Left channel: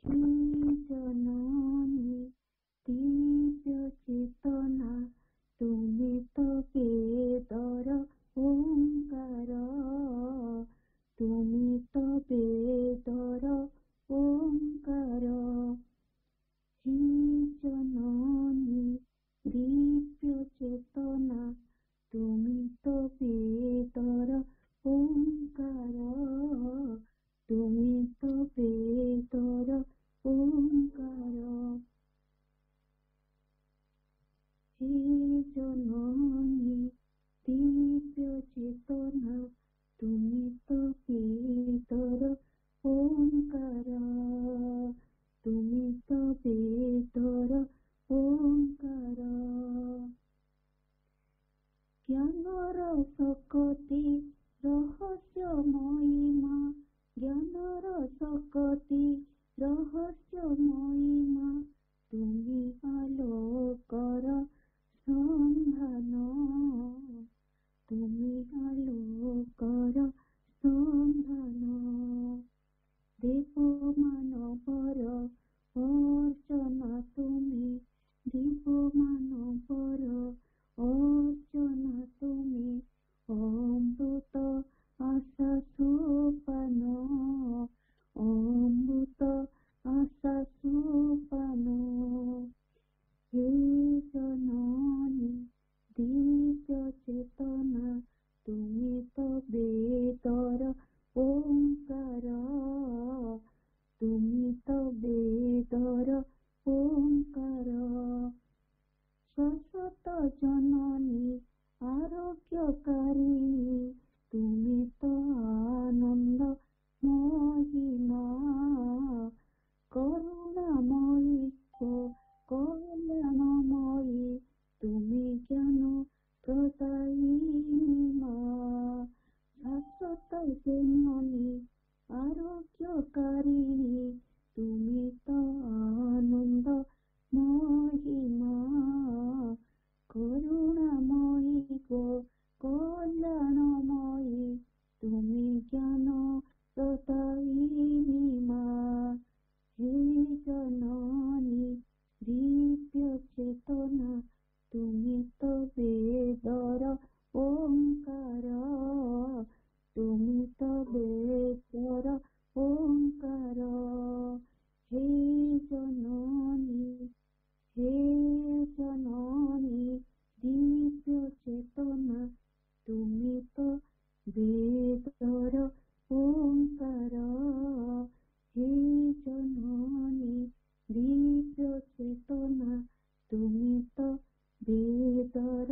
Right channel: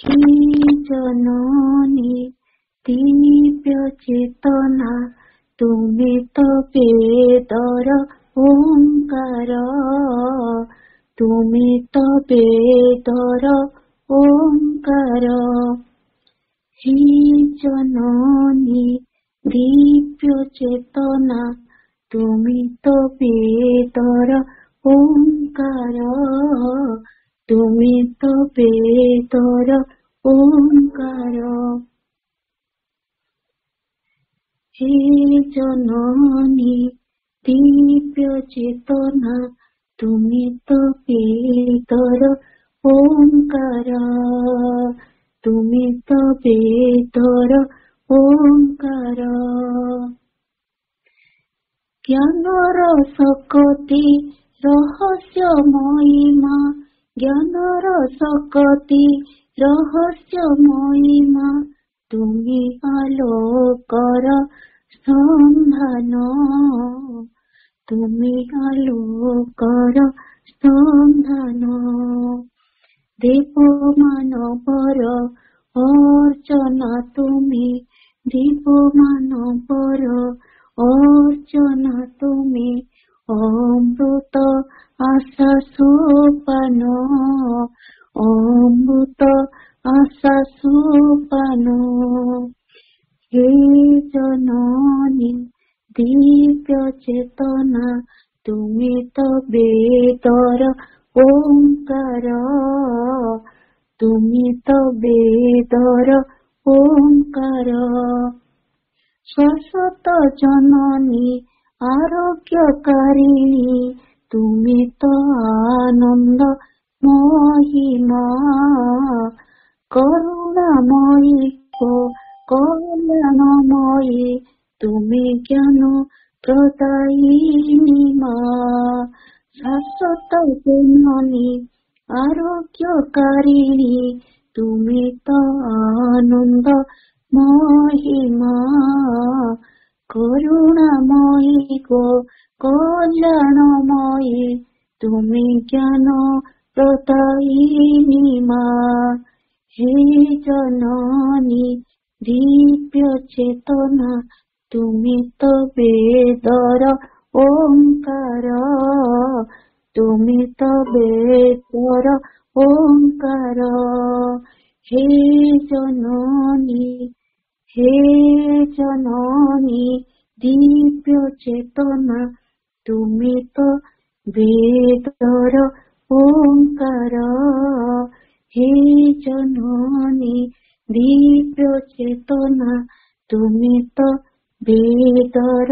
হে জননী দিব্য চেতনা, তুমি তো বেদর ওঙ্কার, তুমি তো বেদর ওঙ্কার। হে জননী দিব্য চেতনা, তুমি তো বেদর ওঙ্কার, তুমি তো বেদর ওঙ্কার। হে জননী দিব্য চেতনা, তুমি তো বেদর ওঙ্কার, তুমি তো বেদর ওঙ্কার। জ্ঞানর শক্তি রহস্যময়ী মা, জ্ঞানর শক্তি রহস্যময়ী মা, তুমি আলোকর সন্ধান, তুমি আলোকর সন্ধান। দেব মানবর অর্চনা তুমি, দেব মানবর অর্চনা তুমি, অমৃত আশা সোপান, অমৃত আশা সোপান। হে জননী দিব্য চেতনা, তুমি তো বেদর ওঙ্কার, তুমি তো বেদর ওঙ্কার। শাশ্বত জননী আরোগ্যকারিণী, তুমি তো আনন্দ মহিমা, করুণাময়ী গো কল্যাণময়ী, তুমি জ্ঞান প্রদায়িনী মা। শাশ্বত জননী আরোগ্যকারিণী, তুমি তো আনন্দ মহিমা, করুণাময়ী গো কল্যাণময়ী, তুমি জ্ঞান প্রদায়িনী মা। হে জননী দিব্য চেতনা, তুমি তো বেদর ওঙ্কার, তুমি তো বেদর ওঙ্কার। হে জননী, হে জননী দিব্য চেতনা, তুমি তো বেদর ওঙ্কার। হে জননী দিব্য চেতনা, তুমি তো বেদর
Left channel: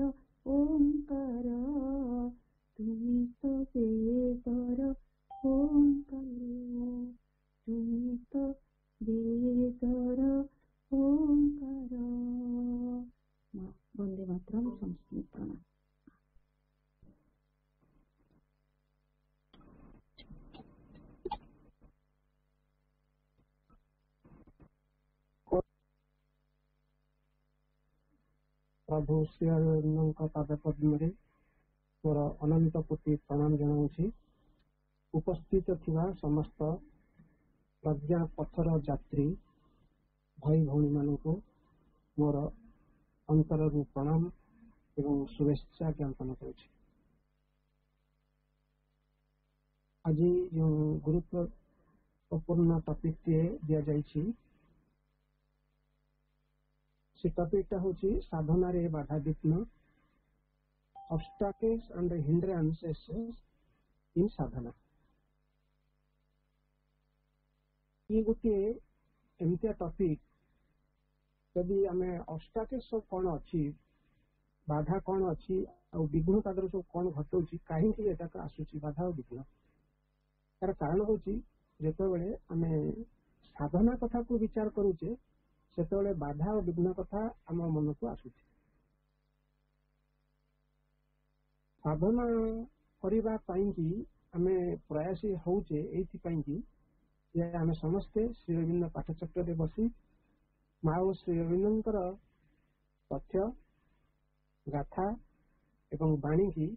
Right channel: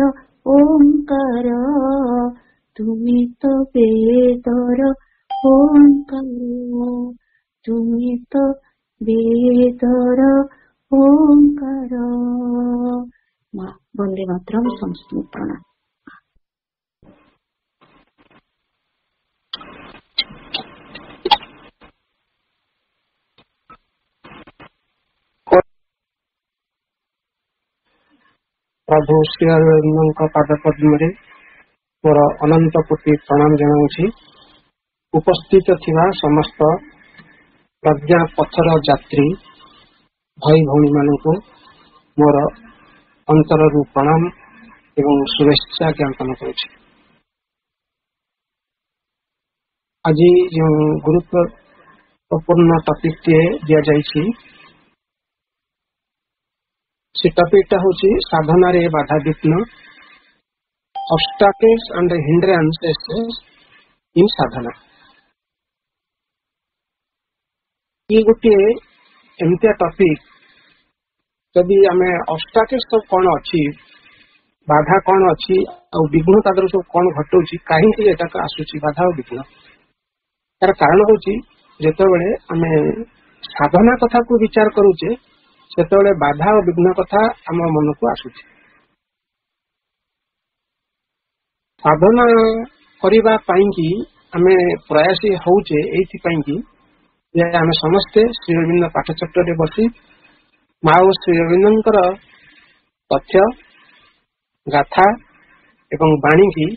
ওঙ্কার, তুমি তো বেদর ওঙ্কার, তুমি তো বেদর ওঙ্কার। মা বন্দে মাতরম, সমস্ত প্রণাম। प्रभु श्री अरविंद पाद पद्म मोर अनंत कोटि प्रणाम जनाऊँगी। उपस्थित थिबा समस्त प्रज्ञा पथर यात्री भाई भौणी मानू मोर अंतर प्रणाम एवं शुभेच्छा ज्ञापन करुछि। आज जो गुरुत्वपूर्ण टॉपिक टे दिया जाइछि, से टॉपिक हूँ साधना रे बाधा विघ्न, ऑब्स्टैकल्स एंड हिंड्रेंसेस इन साधना। ये गोटे एमतिया टॉपिक, जदि आम ऑब्स्टैकल्स सब कौन अच्छी, बाधा कौन अच्छी और विघ्न तादर सब कौन घटुची, कहीं एटाक आसूची बाधा और विघ्न, तार कारण हूँ जिते आम साधना कथा को विचार करुचे से बाधा और विघ्न कथा आम मन को आसूची। साधना करबा पई कि आमे प्रयासी होउचे एथि कि आम समस्ते श्री अरविंद पाठचक्र रे बसी माँ और श्री अरविंदर तथ्य गाथा एवं वाणी की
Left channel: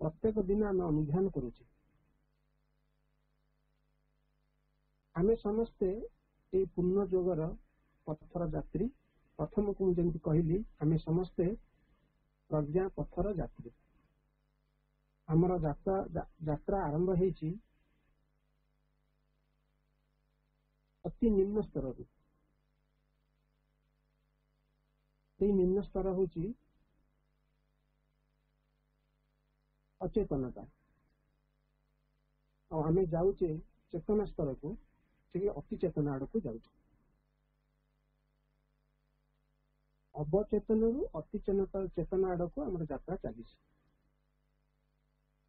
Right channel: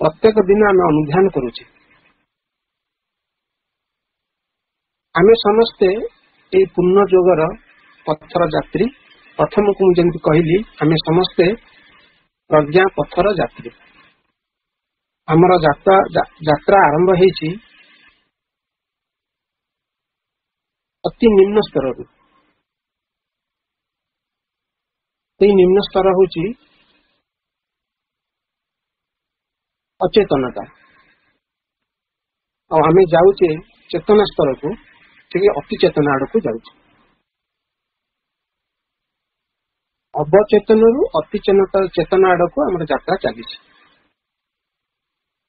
प्रत्येक दिन आम अनुध्यान करुचे। आमे समस्ते ए पूर्ण जोगर पथर यात्री प्रथम को मुझे कहली आमे समस्ते प्रज्ञा पथर यात्री आमर यात्रा आरंभ होती अति निम्न स्तर निम्न स्तर होची अचेतनता और आमे जाऊचे चेतना स्तर को ठीक अति चेतना आड़ को जाऊचे अवचेतन रु अति चेतना आड़ को आम यात्रा चली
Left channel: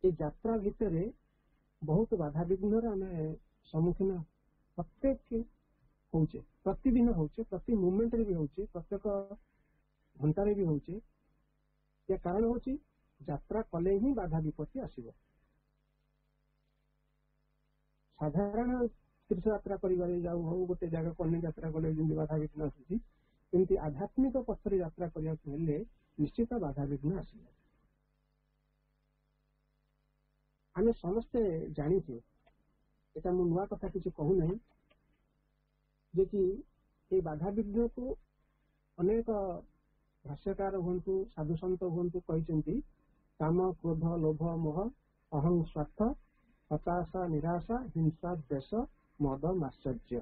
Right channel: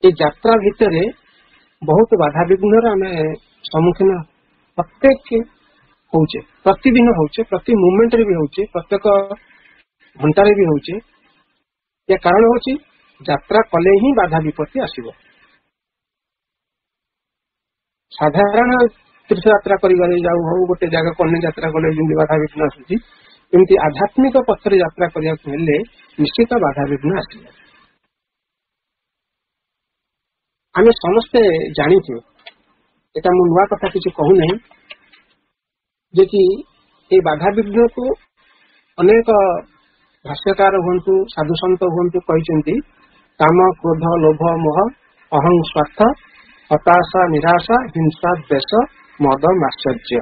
यात्रा भितर बहुत बाधा विघ्न आम सम्मुखीन प्रत्येक होचे प्रतिदिन होचे प्रति मोमेंट रे भी होचे प्रत्येक घंटारे भी होचे या कारण होची यात्रा कले ही बाधा विपत्ति आसीबो साधारण तीर्थ यात्रा करिबारे जाऊ हो गोटे जगह को अन्य यात्रा कले जिंदगी बाधा विघ्न आसुची एमती आध्यात्मिक पथरे यात्रा करिया हेले निश्चित बाधा विघ्न आसीबो आमे समस्ते जानिथु एटा मु नुआ कथा किछि कहू नै जे कि ए बाधा विघ्न को अनेक भाष्यकार हुंतु साधु संत हुंतु कहिसेंती काम क्रोध लोभ मोह अहं स्वार्थ हताशा निराशा हिंसा द्वेष मद माश्चर्य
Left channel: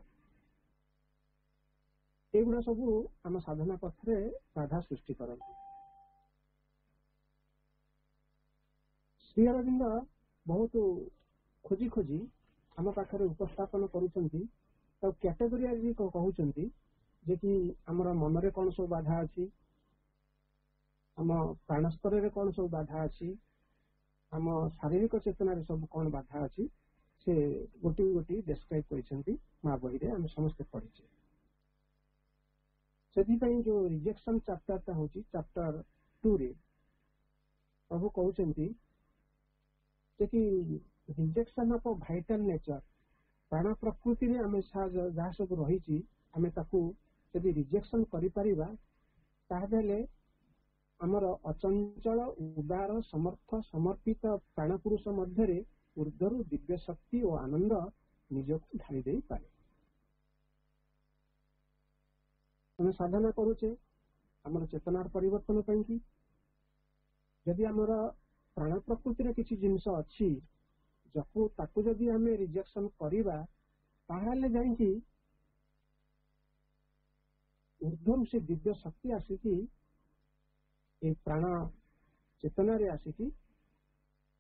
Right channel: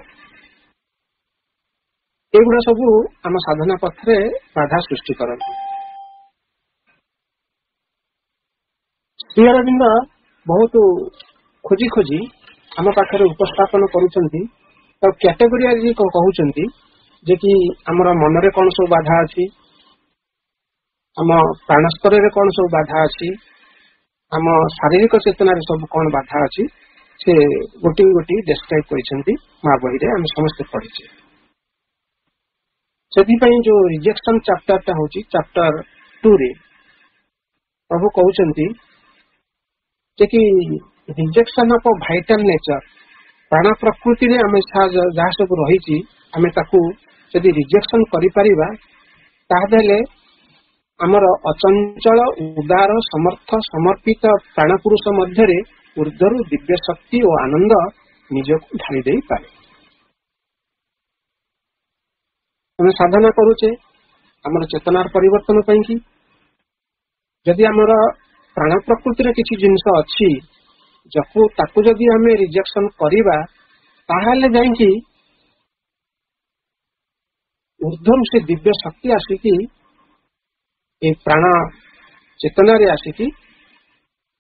एगुड़ा सब आम साधना पथरे बाधा सृष्टि करती श्री अरविंद बहुत खोजी खोजी आम पाखे उपस्थापन करुछंती तो कैटेगोरी कहउछंती जे कि हमर मन रे कौन सब बाधा अछि आम प्राण स्तर रे कौन सब बाधा अछि आम शारीरिक चेतना रे सब कौन बाधा अछि से गोटी गोटी डिस्क्राइब करिसेंती मा बही रे हम समस्त पढिछे सेति पई जो रिजेक्शन चैप्टर ता होची चैप्टर 2 रे प्रभु कहउछंती जे कि रिजेक्शन ऑफ वाइटल नेचर प्राण प्रकृति रे हम जहाँ सब रही आमे ताकू यदि रिजेक्शन करि परिबा ताहेले आमर अचंचल उदार समर्थ समर्पित प्राण पुरुष मध्य ऊर्धरु दिव्य शक्ति और आनंद निजक ढाली दे पारे हम साधना करूचे आमर चेतनार परिवर्तन पई कि यदि आमर प्राण प्रकृति रे किछि जिंस अछि जको ताकू जदि हमें रिजेक्शन करिबा ताहाले जाईकी ऊर्ध्वम से दिव्य शक्ति आसिकी ए प्राण चेतना रे आसिकी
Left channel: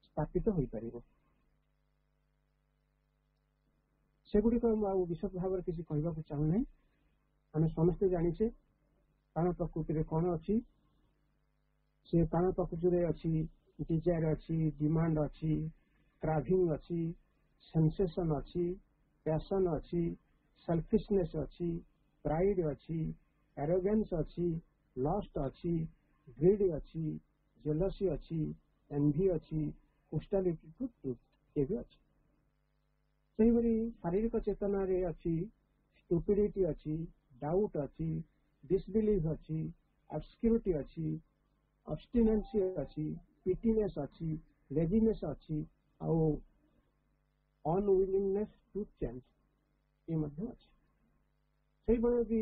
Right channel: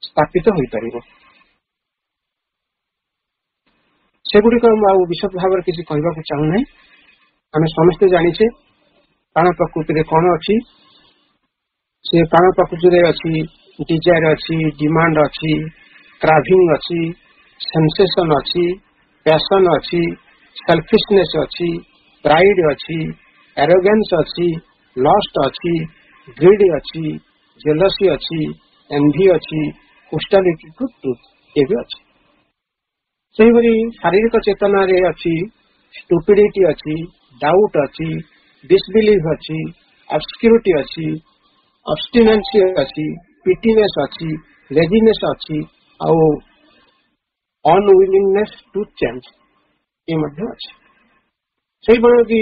स्थापित होई परिबो सेगुडी को विशद भाव किसी कहबा को चाहू नहीं हमें समस्त जानिछे प्राण प्रकृति रे कोन अछि से प्राण प्रकृति रे अछि डिजायर अछि डिमांड अछि क्राविंग अछि सेंसेशन अछि पैशन अछि सेल्फिशनेस अछि प्राइड अछि एरोगेंस अछि लस्ट अछि ग्रीड अछि जेलसी अछि एनवी अछि होस्टिलिटी टू ट्रुथ ये भी अछि सही बरी शारीरिक चेतना रे अछि स्टुपिडिटी अछि डाउट अछि डिसबिलीफ अछि ऑब्स्क्यूरिटी अछि ऑब्स्टिनेंसी अछि पिटीनेस अछि लेजीनेस अछि और अनविलिंगनेस टू चेंज ये मध्य अछि सही बरो कि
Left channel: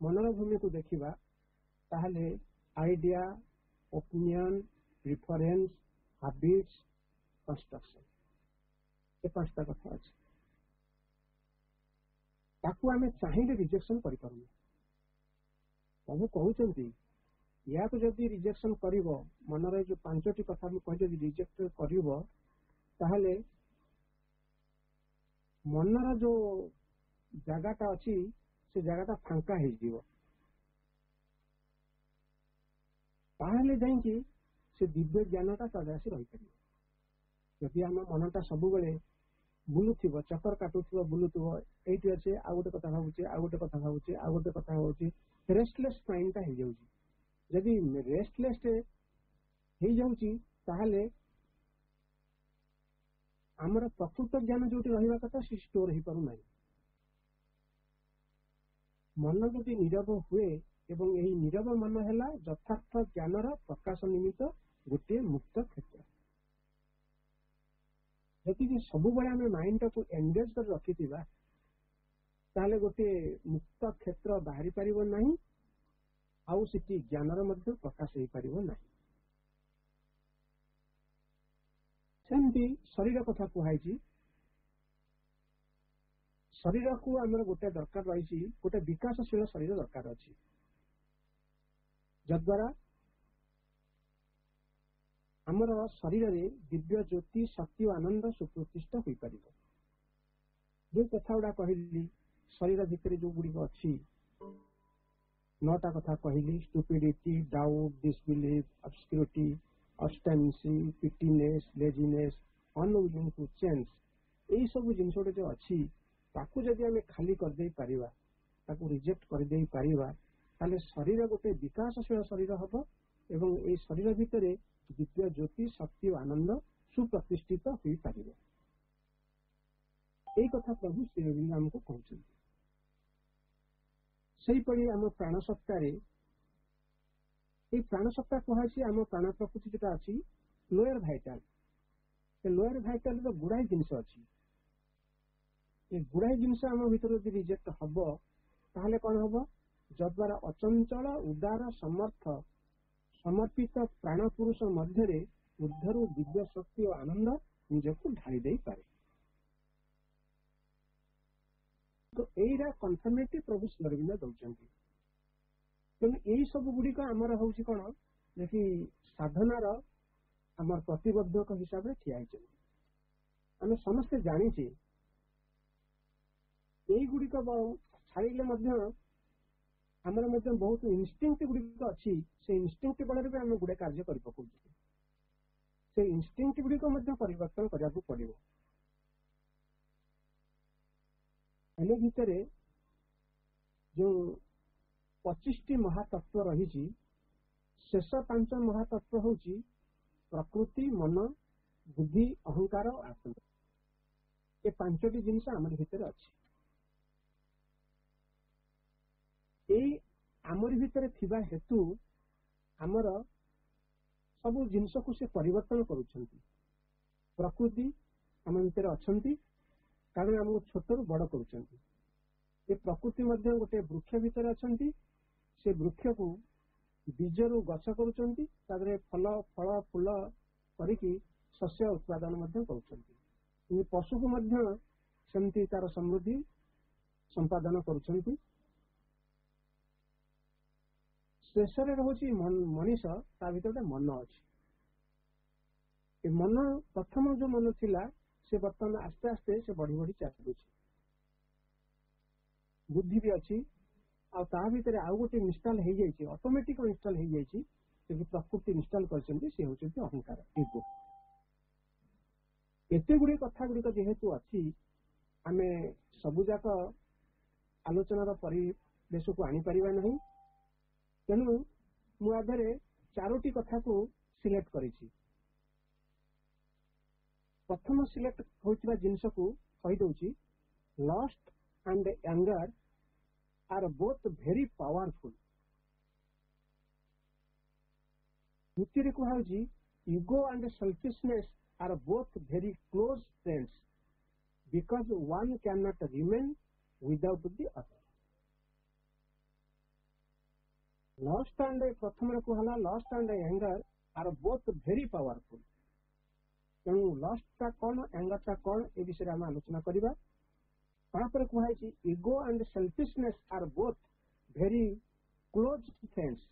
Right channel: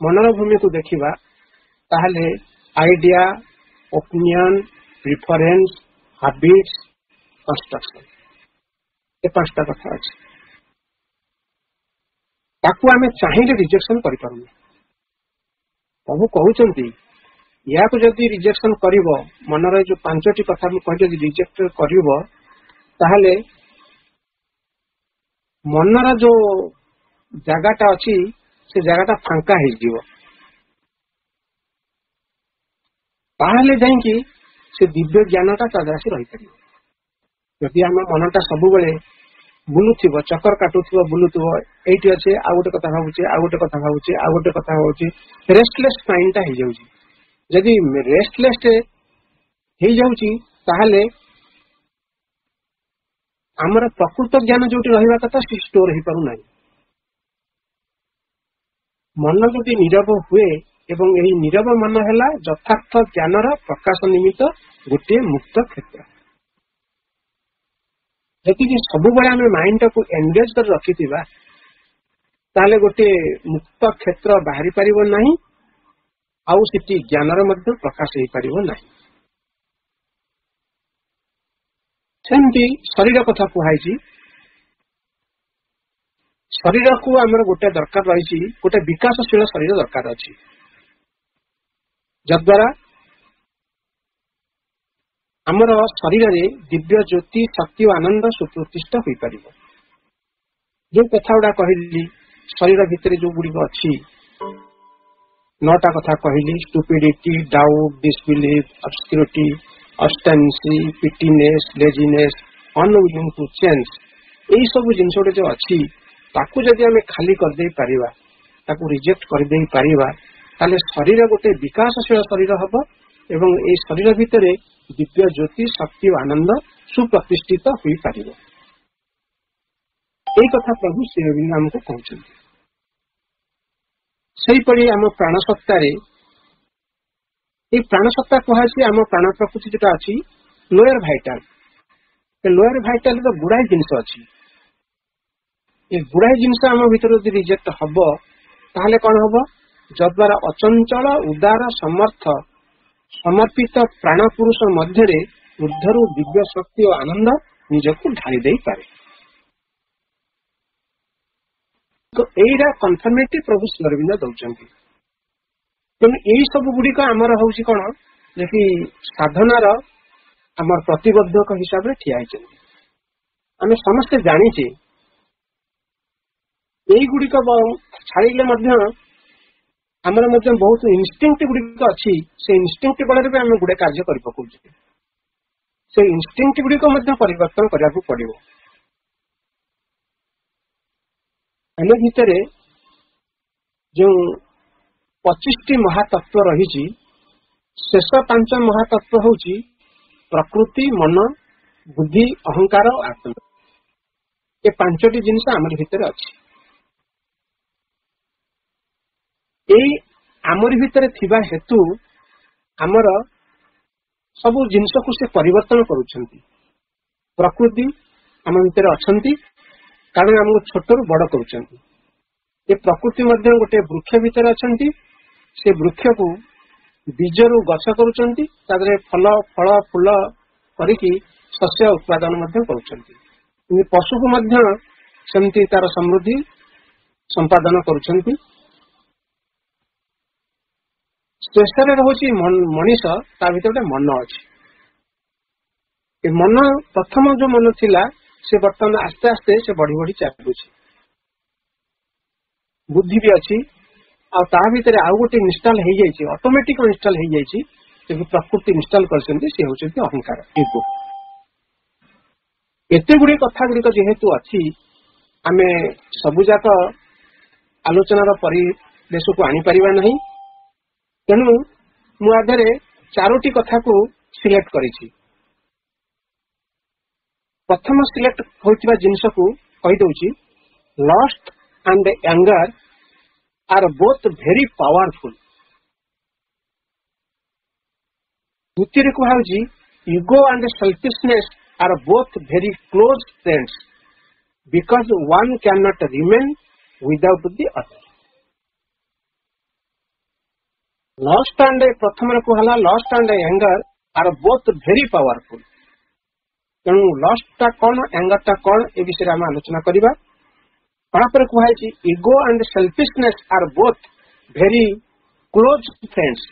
मनर भूमि को देखिबा ताहले idea opinion preference habits construction ये पांचटा कथा अछि ताकू आमे चाहिए रिजेक्शन करि पारुनी प्रभु कहउचंती या को जदि रिजेक्शन करिवो मनर जो पांचटी कथा मु कहले जदि रिजेक्ट करिवो ताहले मनर जो जगाटा अछि से जगाटा फांका हे जीवो ताहले जाईकी से दिव्य ज्ञानटा तदासी रही परियो यदि हम मनटा सब बेले बुलुथिबो चक्कर काटुथिबो बुलुथिबो एठी अछि आ गोटे कथा भाबुछि आ गोटे कथा भाबुछि आ गोटे कथा भाबुछि रेस्टलेस माइंड ता हे जाउछि यदि रेस्टलेस हे जाउछि ताहले हमर प्रकृत ज्ञान जोटी रहिबा कथा स्टोर हे पारु नाही मन जदि नीरव हुए एवं यही नीरव मन है यथार्थ ज्ञानर प्रकाश निमित्त गोटे मुक्त क्षेत्र जदि सब आम माइंड को एंगेज कर रखि ताले गोटे मुक्त क्षेत्र बाहरी पारिबो नाही आउ सिटी ज्ञानर मध्य प्रकाश हो पारिबो नाही। सेमती शरीर कथा कुहाई शरीर को आमर गोटे दरकार रही गोटे विकासशील शरीर दरकार अच्छी जद्वारा आमर शरीर रे दिव्य ज्योति शक्ति और आनंद सुप्रतिष्ठा हो पार जो कथा गुड़ा कहली शरीर भितर जो गुड़िक अच्छी 9टा कथा कहली stupidity doubt disbelief obscurity obstinacy pettiness laziness unwilling to change यही सब जिनस जो अच्छी ताकू जदि आम खाली करदे पारिबा ताकू रिजेक्ट करदे पारिबा ताले शरीर गोटे विकासशील शरीर हब एवं ए शरीर भितर दिव्य ज्योति शक्ति और आनंद सुप्रतिष्ठित हो पार यही कथा प्रभु श्री अरविंद आमको कहते सेहीपरि आम प्राणसत्तार प्राणसत्ता कहुई आम प्राण प्रकृति जोटा अच्छी लोअर भाइटाल लोअर भाइटाल गुड़ाए जिनस अच्छी ये गुड़ाए जिनस आम भीतर रिजेक्ट हम ताहले कौन हम जद्वारा अचंचल उदार समर्थ समर्पित प्राण पुरुष मध्य ऊर्धरु दिव्य शक्ति और आनंद निजक ढाली दे पारे तो यहीरा कन्फर्मेटिव प्रभु श्री अरविंद दौरान तेणु यही सब गुड़िक आमर हूँ कौन जे साधनार आमर प्रतिबद्धक हिसाब से ठिया आम समस्ते जाचे यही गुड़िक छाड़े आमर बहुत इनस्टिंक्ट गुड़िक अच्छी से इनस्टिंक्ट बल आम गुड़े कार्य कर पकाउछे से इनस्टिंक्ट गुड़िक परिवर्तन करने पड़ो आम भितर जो 25टी महातत्व रही शेष 5 महातत्व हूँ प्रकृति मन बुद्धि अहंकार आत्मा ये 5टी जिनस आमर भितर अच्छी आमर भितर थिबा हेतु आमर सब जिनस को से परिवर्तन करुछंती प्रकृति आम भितर अच्छंती कारण आमको छोटू बड़ करुछंती ये प्रकृति मध्य गोटे वृक्ष भितर अच्छंती से वृक्ष को बीजरू गछ करुछंती तादरे फल फल फूल करिकी शस्य उत्पादन मध्य करुछंती पशु को मध्य सेमती तार समृद्धि संपादन करुछंती शेषर रोचे मनीष ता भीतर गोटे मन अच्छी मन प्रथम जो मन थिला से बर्तमान आस्ते आस्ते से बढ़ी बढ़ी चलुची बुद्धि भी अच्छी आ भीतर आउ गोटे इनस्टॉल हो जाए ऑटोमेटिक इनस्टॉल हो जाए प्रकृति इनस्टॉल करछंती से होचंती अहंकार ईगो एते गुडी कथा गुडी जेहेतु अच्छी आमे सबुजाक आलोचनार परिवेश को आनी परिबा नहीं तेणु मुझे 4टी कथा को सिलेक्ट करी प्रथम सिलेक्ट होइतिबा जिनस को कहि दउची lust and anger are both very powerful द्वितीय कहूँ ego and selfishness are both very close friends because one can not remain without the other lust and प्रथम कहला lust and anger are both very powerful तेणु lust टा कौन anger टा कौन ए विषय आम आलोचना करवा कहुई ego and selfishness are both very close friends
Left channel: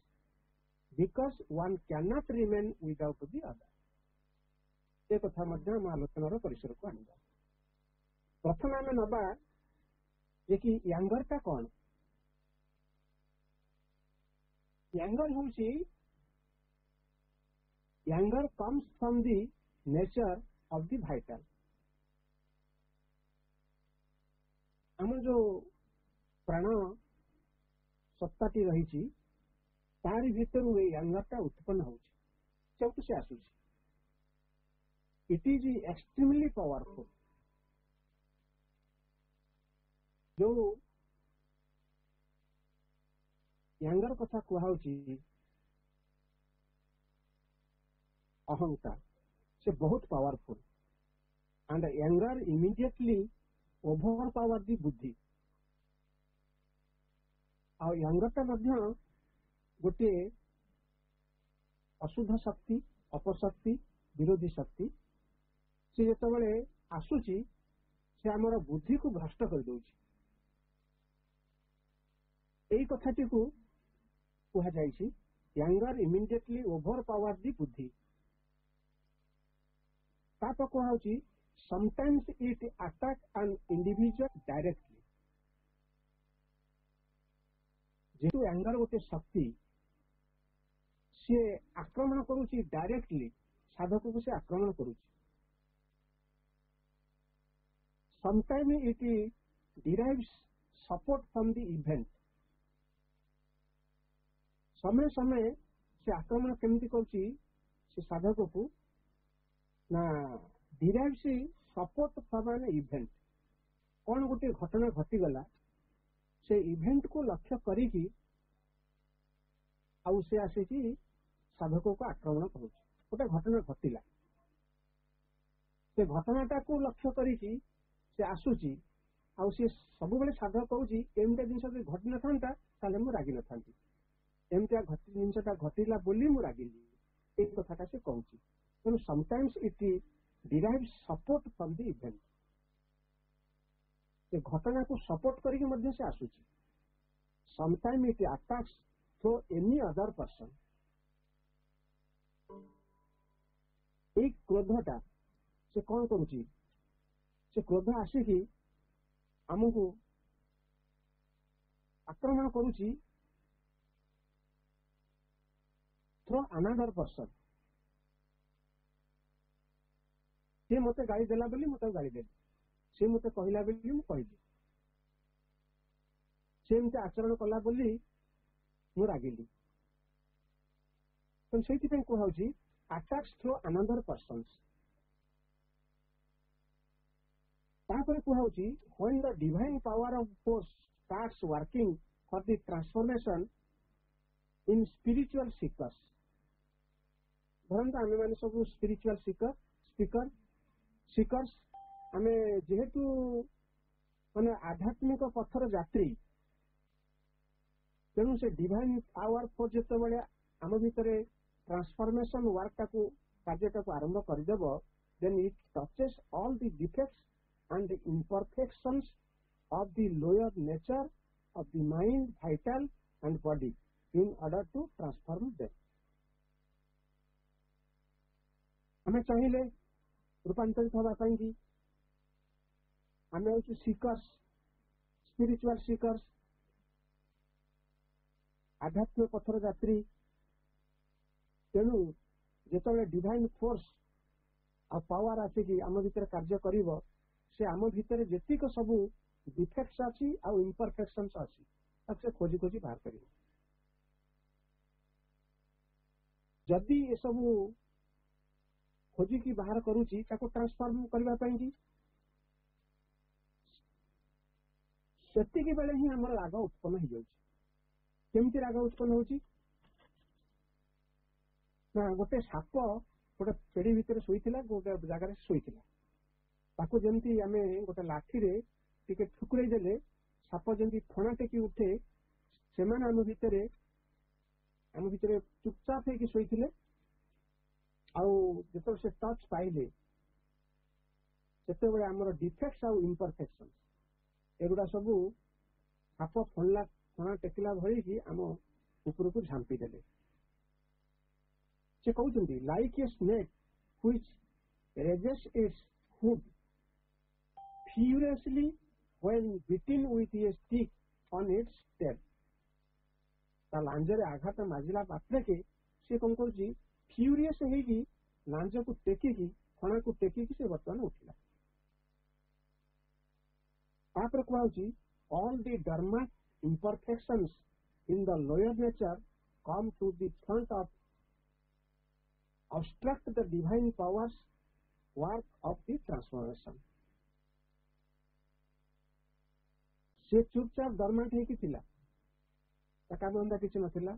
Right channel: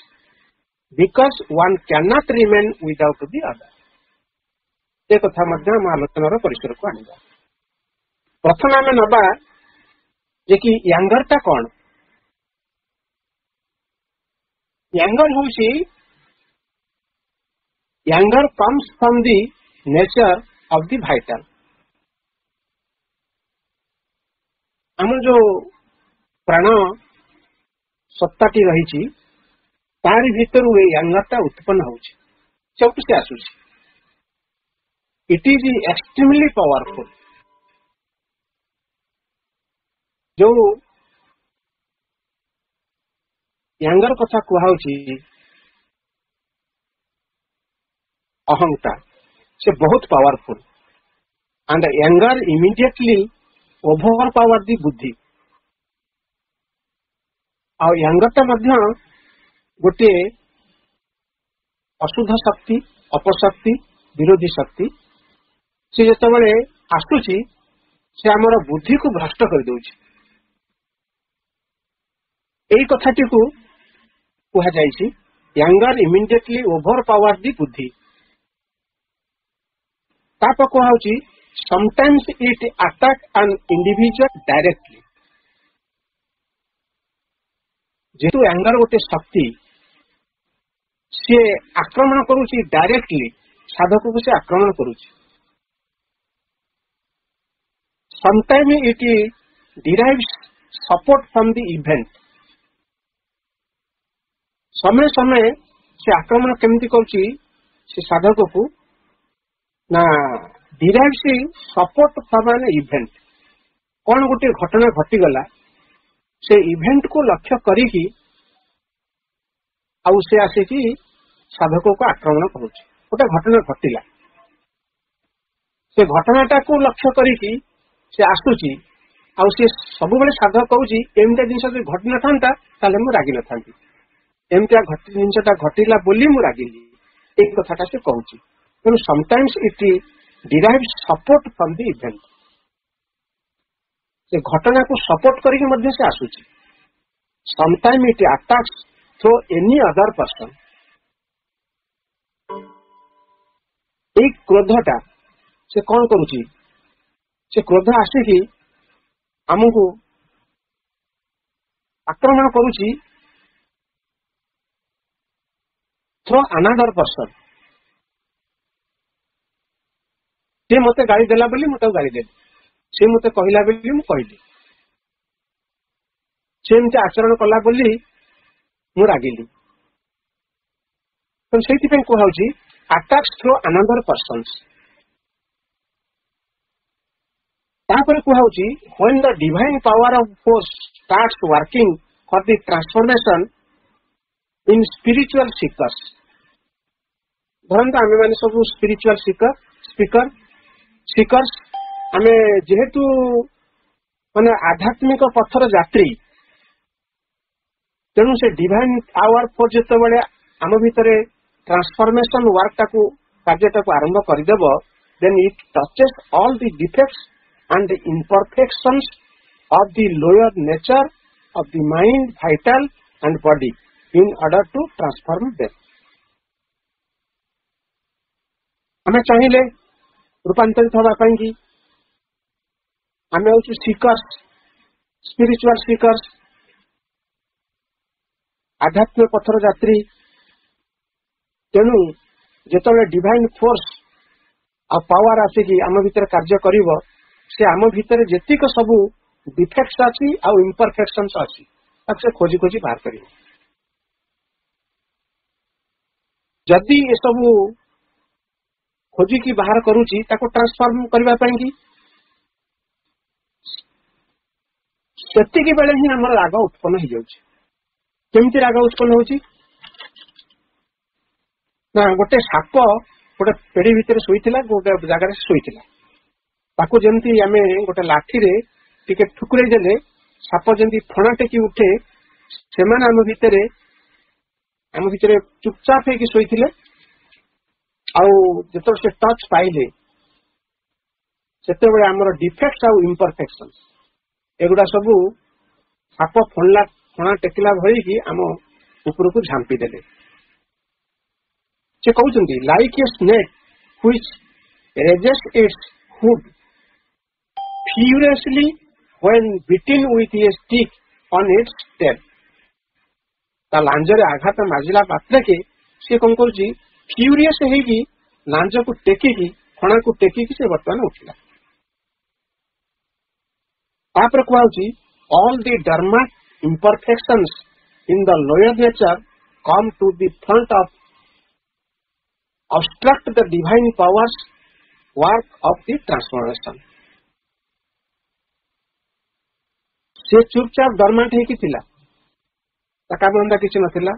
because one can not remain without the other एक कथा आम आलोचनार परिसर को आनिबा प्रथम आम नबा जे कि एंगर टा कौन एंगर होउची anger comes from the nature of the vital आम जो प्राण सत्ताटी रही तारी भीतर एंगरटा उत्पन्न होउची चौटू से आसुची इट इज एक्सट्रीमली पावरफुल जो एंगर कथा कहूची अहंकार से बहुत powerful and anger immediately overpower the बुद्धि ୟାଙ୍ଗରଟା ମଧ୍ୟ ଗୋଟିଏ ଅଶୁଦ୍ଧ ଶକ୍ତି, ଅପଶକ୍ତି, ବିରୋଧୀ ଶକ୍ତି। ସେ ଯେତେବେଳେ ଆସୁଛି ସେ ଆମର ବୁଦ୍ଧିକୁ ଭ୍ରଷ୍ଟ କରିଦେଉଛି। ଏଇ କଥାଟିକୁ କୁହାଯାଇଛି ୟାଙ୍ଗର ଇମିଡିଏଟଲି ଓଭର ପାୱାର ଦି ବୁଦ୍ଧି। ତାପରେ କୁହାଯାଉଛି ସମଟାଇମ୍ସ ଇଟ୍ ଆଟାକ୍ ଆନ୍ ଇଣ୍ଡିଭିଜୁଆଲ ଡାଇରେକ୍ଟଲି। ଯେହେତୁ ୟାଙ୍ଗର ଗୋଟେ ଶକ୍ତି, ସେ ଆକ୍ରମଣ କରୁଛି ଡାଇରେକ୍ଟଲି, ସାଧକକୁ ସେ ଆକ୍ରମଣ କରୁଛି। ସମଟାଇମ୍ ଇଟ୍ derives support from the event. ସମୟ ସମୟ ସେ ଆକ୍ରମଣ କେମିତି କରୁଛି ସେ ସାଧକକୁ ନା ଡିରାଇଭ୍ସ ସପୋର୍ଟ ଫ୍ରମ୍ ଆନ୍ ଇଭେଣ୍ଟ। କଣ ଗୋଟେ ଘଟଣା ଘଟିଗଲା, ସେ ଇଭେଣ୍ଟକୁ ଲକ୍ଷ୍ୟ କରିକି ଆଉ ସେ ଆସିକି ସାଧକକୁ ଆକ୍ରମଣ କରୁଛି। ଗୋଟେ ଘଟଣା ଘଟିଲା, ସେ ଘଟଣାଟାକୁ ଲକ୍ଷ୍ୟ କରିକି ସେ ଆସୁଛି, ଆଉ ସେ ସବୁବେଳେ ସାଧକ କହୁଛି ଏମିତିଆ ଜିନିଷ ଯଦି ଘଟି ନଥାନ୍ତା ତାହେଲେ ମୁଁ ରାଗି ନଥାନ୍ତି, ଏମିତିଆ ଜିନିଷଟା ଘଟିଲା ବୋଲି ମୁଁ ରାଗିଲି, ଏଇ କଥାଟା ସେ କହୁଛି। ତେଣୁ sometimes it derives support from the event. ସେ ଘଟଣାକୁ ସପୋର୍ଟ କରିକି ମଧ୍ୟ ସେ ଆସୁଛି। Sometime it attacks through any other person. ଏଇ କ୍ରୋଧଟା ସେ କଣ କରୁଛି, ସେ କ୍ରୋଧ ଆସିକି ଆମକୁ ଆକ୍ରମଣ କରୁଛି ଥ୍ରୋ ଆନାଦର ପର୍ସନ। ସେ ମତେ ଗାଳି ଦେଲା ବୋଲି ମୁଁ ତାକୁ ଗାଳି ଦେଲି, ସେ ମତେ କହିଲା ବୋଲି ମୁଁ କହିଲି, ସେ ଏମିତି ଆଚରଣ କଲା ବୋଲି ମୁଁ ରାଗିଲି। ତେଣୁ ସେଇଥିପାଇଁ କୁହାଯାଉଛି ଆଟାକ୍ସ ଥ୍ରୋ ଆନାଦର ପର୍ସନ୍ସ। ତାପରେ କୁହାଯାଉଛି when the divine power of force starts working for the transformation in spiritual seekers। ଧରନ୍ତୁ ଆମେ ମାନେ ସବୁ ସ୍ପିରିଚୁଆଲ ସିକର୍ସ, ଆମେ ଯେହେତୁ ମାନେ ଆଧ୍ୟାତ୍ମିକ ପଥର ଯାତ୍ରୀ, ତେଣୁ ସେ ଡିଭାଇନ ପାୱାର ଫୋର୍ସ ଯେତେବେଳେ ଆମ ଭିତରେ ଟ୍ରାନ୍ସଫର୍ମେସନ ୱାର୍କଟାକୁ କାର୍ଯ୍ୟଟାକୁ ଆରମ୍ଭ କରିଦେବ, then it touches all the defects and the imperfections of the lower nature of the mind, vital and body in order to transform them। ଆମେ ଚାହିଁଲେ ରୂପାନ୍ତରିତ ହେବା ପାଇଁ କି ଆମେ ହଉଛୁ ସିକର୍ସ, ସ୍ପିରିଚୁଆଲ ସିକର୍ସ, ଆଧ୍ୟାତ୍ମିକ ପଥର ଯାତ୍ରୀ। ତେଣୁ ଯେତେବେଳେ ଡିଭାଇନ ଫୋର୍ସ ଆଉ ପାୱାର ଆସିକି ଆମ ଭିତରେ କାର୍ଯ୍ୟ କରିବ, ସେ ଆମ ଭିତରେ ଯେତିକ ସବୁ ଡିଫେକ୍ଟସ ଅଛି ଆଉ ଇମ୍ପରଫେକ୍ସନ୍ସ ଅଛି ତାକୁ ସେ ଖୋଜି ଖୋଜି ବାହାର କରିବ। ଯଦି ଏସବୁ ଖୋଜିକି ବାହାର କରୁଛି ତାକୁ ଟ୍ରାନ୍ସଫର୍ମ କରିବା ପାଇଁ କି, ସେତିକି ବେଳେ ହିଁ ଆମର ରାଗ ଉତ୍ପନ୍ନ ହେଇଯାଉଛି। କେମିତି ରାଗ ଉତ୍ପନ୍ନ ହଉଛି ନା, ଗୋଟେ ସାପ ଗୋଟେ ପେଢି ଭିତରେ ଶୋଇଥିଲା, ଗୋଟେ ଜାଗାରେ ଶୋଇଥିଲା, ତାକୁ ଯେମିତି ଆମେ ଗୋଟେ ଲାଠିରେ ଟିକେ ଠୁକୁରେଇ ଦେଲେ ସାପ ଯେମିତି ଫଣା ଟେକି ଉଠେ, ସେମାନେ ଆମ ଭିତରେ ଚୁପଚାପ ହେଇକି ଶୋଇଥିଲେ। ଆଉ ଯେତେବେଳେ ସେ ଟଚ୍ ପାଇଲେ, ସେତେବେଳେ ଆମର ଡିଫେକ୍ଟ ଆଉ ଇମ୍ପରଫେକ୍ସନ ଏଗୁଡା ସବୁ ସାପ ଫଣା ଟେକିଲା ଭଳିକି ଆମ ଉପରକୁ ଝାମ୍ପି ଦେଲେ। ସେ କହୁଛନ୍ତି like a snake which raises its hood furiously when beaten with a stick on its tail। ତା ଲାଞ୍ଜରେ ଆଘାତ ମାଜିଲା ମାତ୍ରକେ ସେ କଣ କରୁଛି, ଫ୍ୟୁରିୟସ୍ ହେଇକି ଲାଞ୍ଜକୁ ଟେକିକି, ଫଣାକୁ ଟେକିକି ସେ ବର୍ତ୍ତମାନ ଉଠିଲା। ତାପରେ କୁହାଯାଉଛି all the dormant imperfections in the lower nature come to the front of obstruct the divine powers work of the transformation। ସେ ଚୁପଚାପ ଡରମାଣ୍ଟ ହେଇକି ଥିଲା, ତା କାମଧନ୍ଦା କିଛି ନଥିଲା।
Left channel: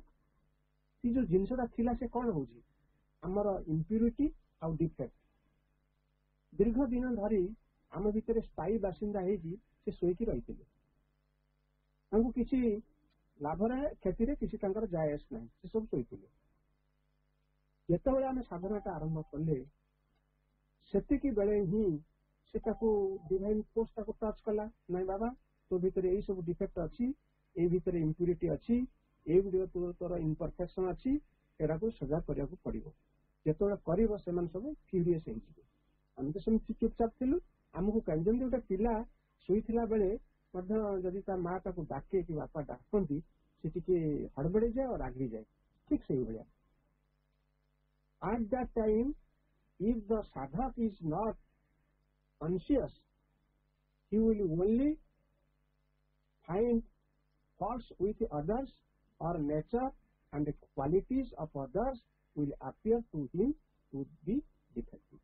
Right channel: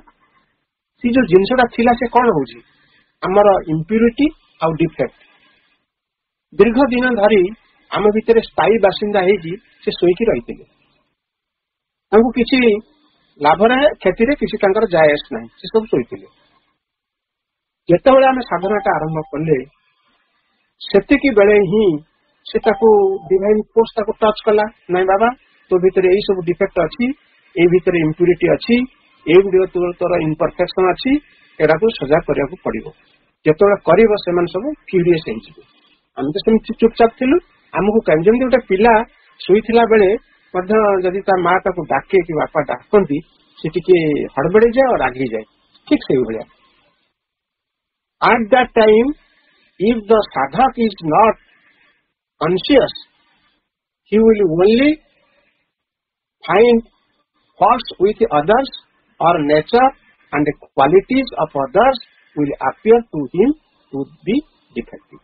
ସେ ଯୋଉ ଜିନିଷଟା ଥିଲା ସେ କଣ ହଉଛି, ଆମର ଇମ୍ପ୍ୟୁରିଟି ଆଉ ଡିଫେକ୍ଟ ଦୀର୍ଘ ଦିନ ଧରି ଆମ ଭିତରେ ସ୍ଥାୟୀ ବାସିନ୍ଦା ହେଇକି ସେ ଶୋଇକି ରହିଥିଲେ। ତାଙ୍କୁ କିଛି ଲାଭରେ କ୍ଷତିରେ କିଛି ତାଙ୍କର ଯାଏ ଆସ ନାହିଁ, ସେ ସବୁ ଶୋଇଥିଲେ। ଯେତେବେଳେ ଆମେ ସାଧନାଟା ଆରମ୍ଭ କଲେ ସେତିକି ବେଳେ ହିଁ ସେ ତାକୁ ଡିଭାଇନ ଫୋର୍ସ ତାକୁ ଟଚ୍ କଲା, ନାଇଁ ବାବା ତୋ ଭିତରେ ଏଇ ସବୁ ଡିଫେକ୍ଟ ଅଛି, ଏଇ ଭିତରେ ଇମ୍ପ୍ୟୁରିଟି ଅଛି, ଏଇ ତୋର ଇମ୍ପରଫେକ୍ସନ ଅଛି, ଏଟାକୁ ସଜା କରିବାକୁ ପଡିବ। ଯେତେବେଳେ କରିବ ସେମାନେ ସବୁ କ୍ୟୁରିୟସ ହେଇଯିବେ। ଆମେ ତ ସେମିତି ଚୁପଚାପ ଥିଲୁ। ଆମକୁ ଯେମିତି ଗୋଟେ ପିଲା ଶୋଇଥିଲା ବେଳେ ମଧ୍ୟ ଯଦି ତା ମା ତାକୁ ଡାକେ କି ବାପା ଡାକନ୍ତି ସେ ଟିକେ ହଡବଡେଇ ଯାଏ ଆଉ ରାଗିଯାଏ, ଠିକ ସେଇଭଳିଆ। At that time, if the sadhak is not conscious, he will only find faults with others or nature, and the qualities of others will appear to him to be defective.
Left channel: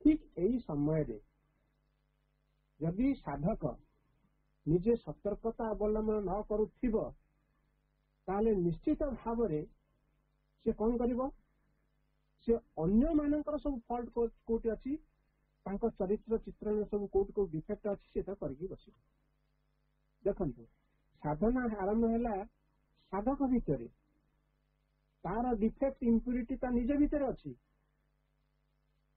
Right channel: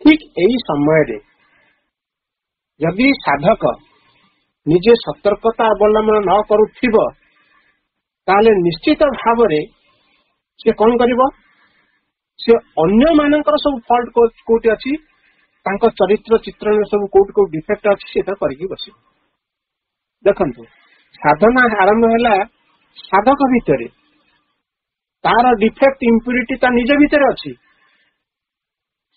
ठीक यही समय रे यदि साधक निजे सतर्कता अवलंबन न करुथिब ताले निश्चित भाव रे से कौन करिवो, से अन्य मानकर सब फॉल्ट कोटी अछि, तांको चरित्र चित्रण सब कोटी को डिफेक्ट अछि सेटा करके बसिबो। देखंतु साधना आरंभ हैला साधक भितरे, तार डिफेक्ट इम्प्यूरिटी ता निज भितरे अछि।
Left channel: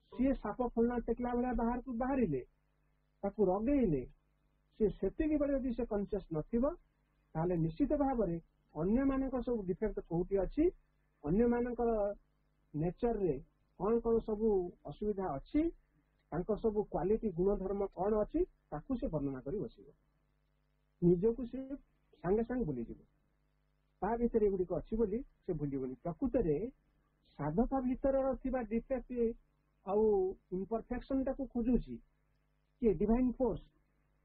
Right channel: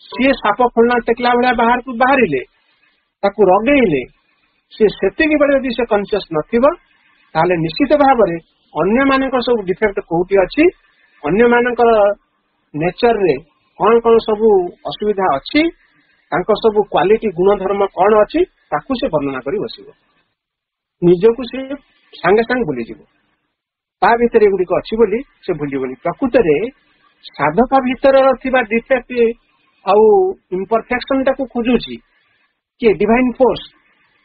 सी साप फुलना टेकला भलिया बाहर को बाहरिले ताकू रगेइले, से सेतिकी बेले यदि से कॉन्शियस नथिबो ताले निश्चित भाव रे अन्य मानकर सब डिफेक्ट कोटी अछि, अन्य मानकर नेचर रे कौन कौन सब असुविधा अछि, तांको सब क्वालिटी गुण धर्म कौन अछि ताकू से वर्णना करी बसिबो। निजको से संगे संग भूली जीवो, ता भितर एगुड़ी को अच्छी बोली से भूलिबोनी। प्रकृत रे साधक भितर थिबा डिफेक्ट आउ इम्परफेक्शन टाकू खोजुची कि डिवाइन फोर्स,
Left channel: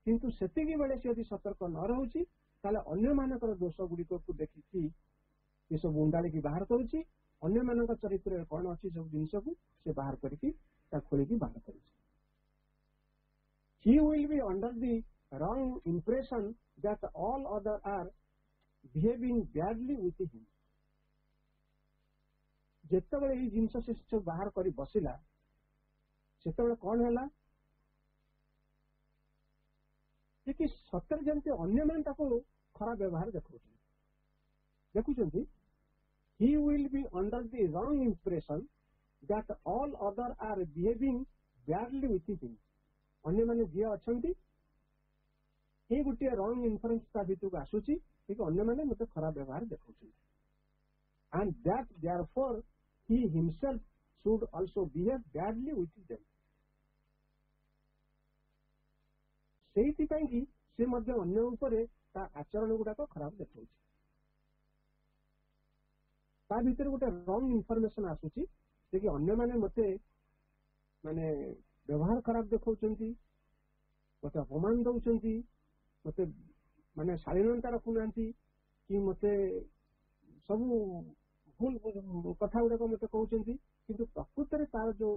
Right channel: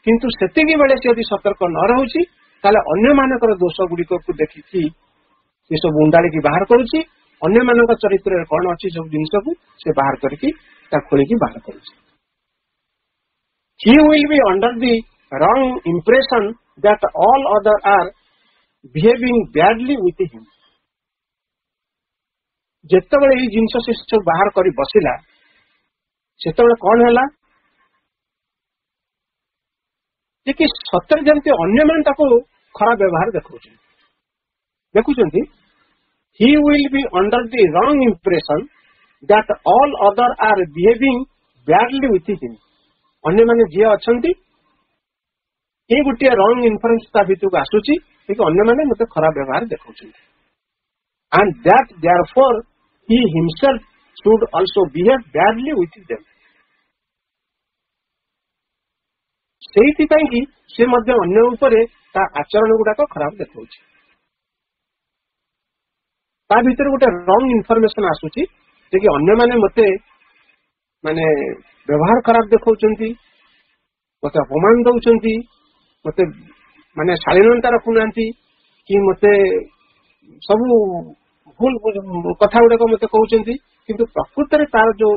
किंतु सेतिकी बेले से यदि सतर्क न रहउची ताले अन्य मानकर दोष गुडी को देखिकी ये सब उंडाली की बाहर करूची, अन्य मानक चरित्र रे कोन अछि सब जिंस को से बाहर करके ता खोली की बाहर करूची। He will be under the wrong impression that all other are behaving badly with him. जेतेबेले ये जिंस से सब बाहर करी बसिला सेतेबेले कोन हैला कि सतर जंती अन्य मान ताको खराब व्यवहार देखुचंती। He will be under the wrong impression that all other are behaving badly with him. अन्य माने जे अछंती ए गुटिया रॉन्ग इन्फरेंस ता भितु आसुची कि अन्य माने मते खराब व्यवहार देखौछंती, and that therefore he himself should also behave badly with them. सेहिति पई कि से मध्य अन्य ऊपरे ता आचरण गुडाक खराब देखौछि। ता भीतर गोटे रॉन्ग इन्फॉर्मेशन आसुची जे कि अन्य माने मते माने व्यवहार खराब देखौछंती, मते अपमान दउछंती, मते माने शालीनता रखुनांती कि मते सब भूल कथा गुडाक मते कहउछंती, किंतु प्रकृत रे तार जो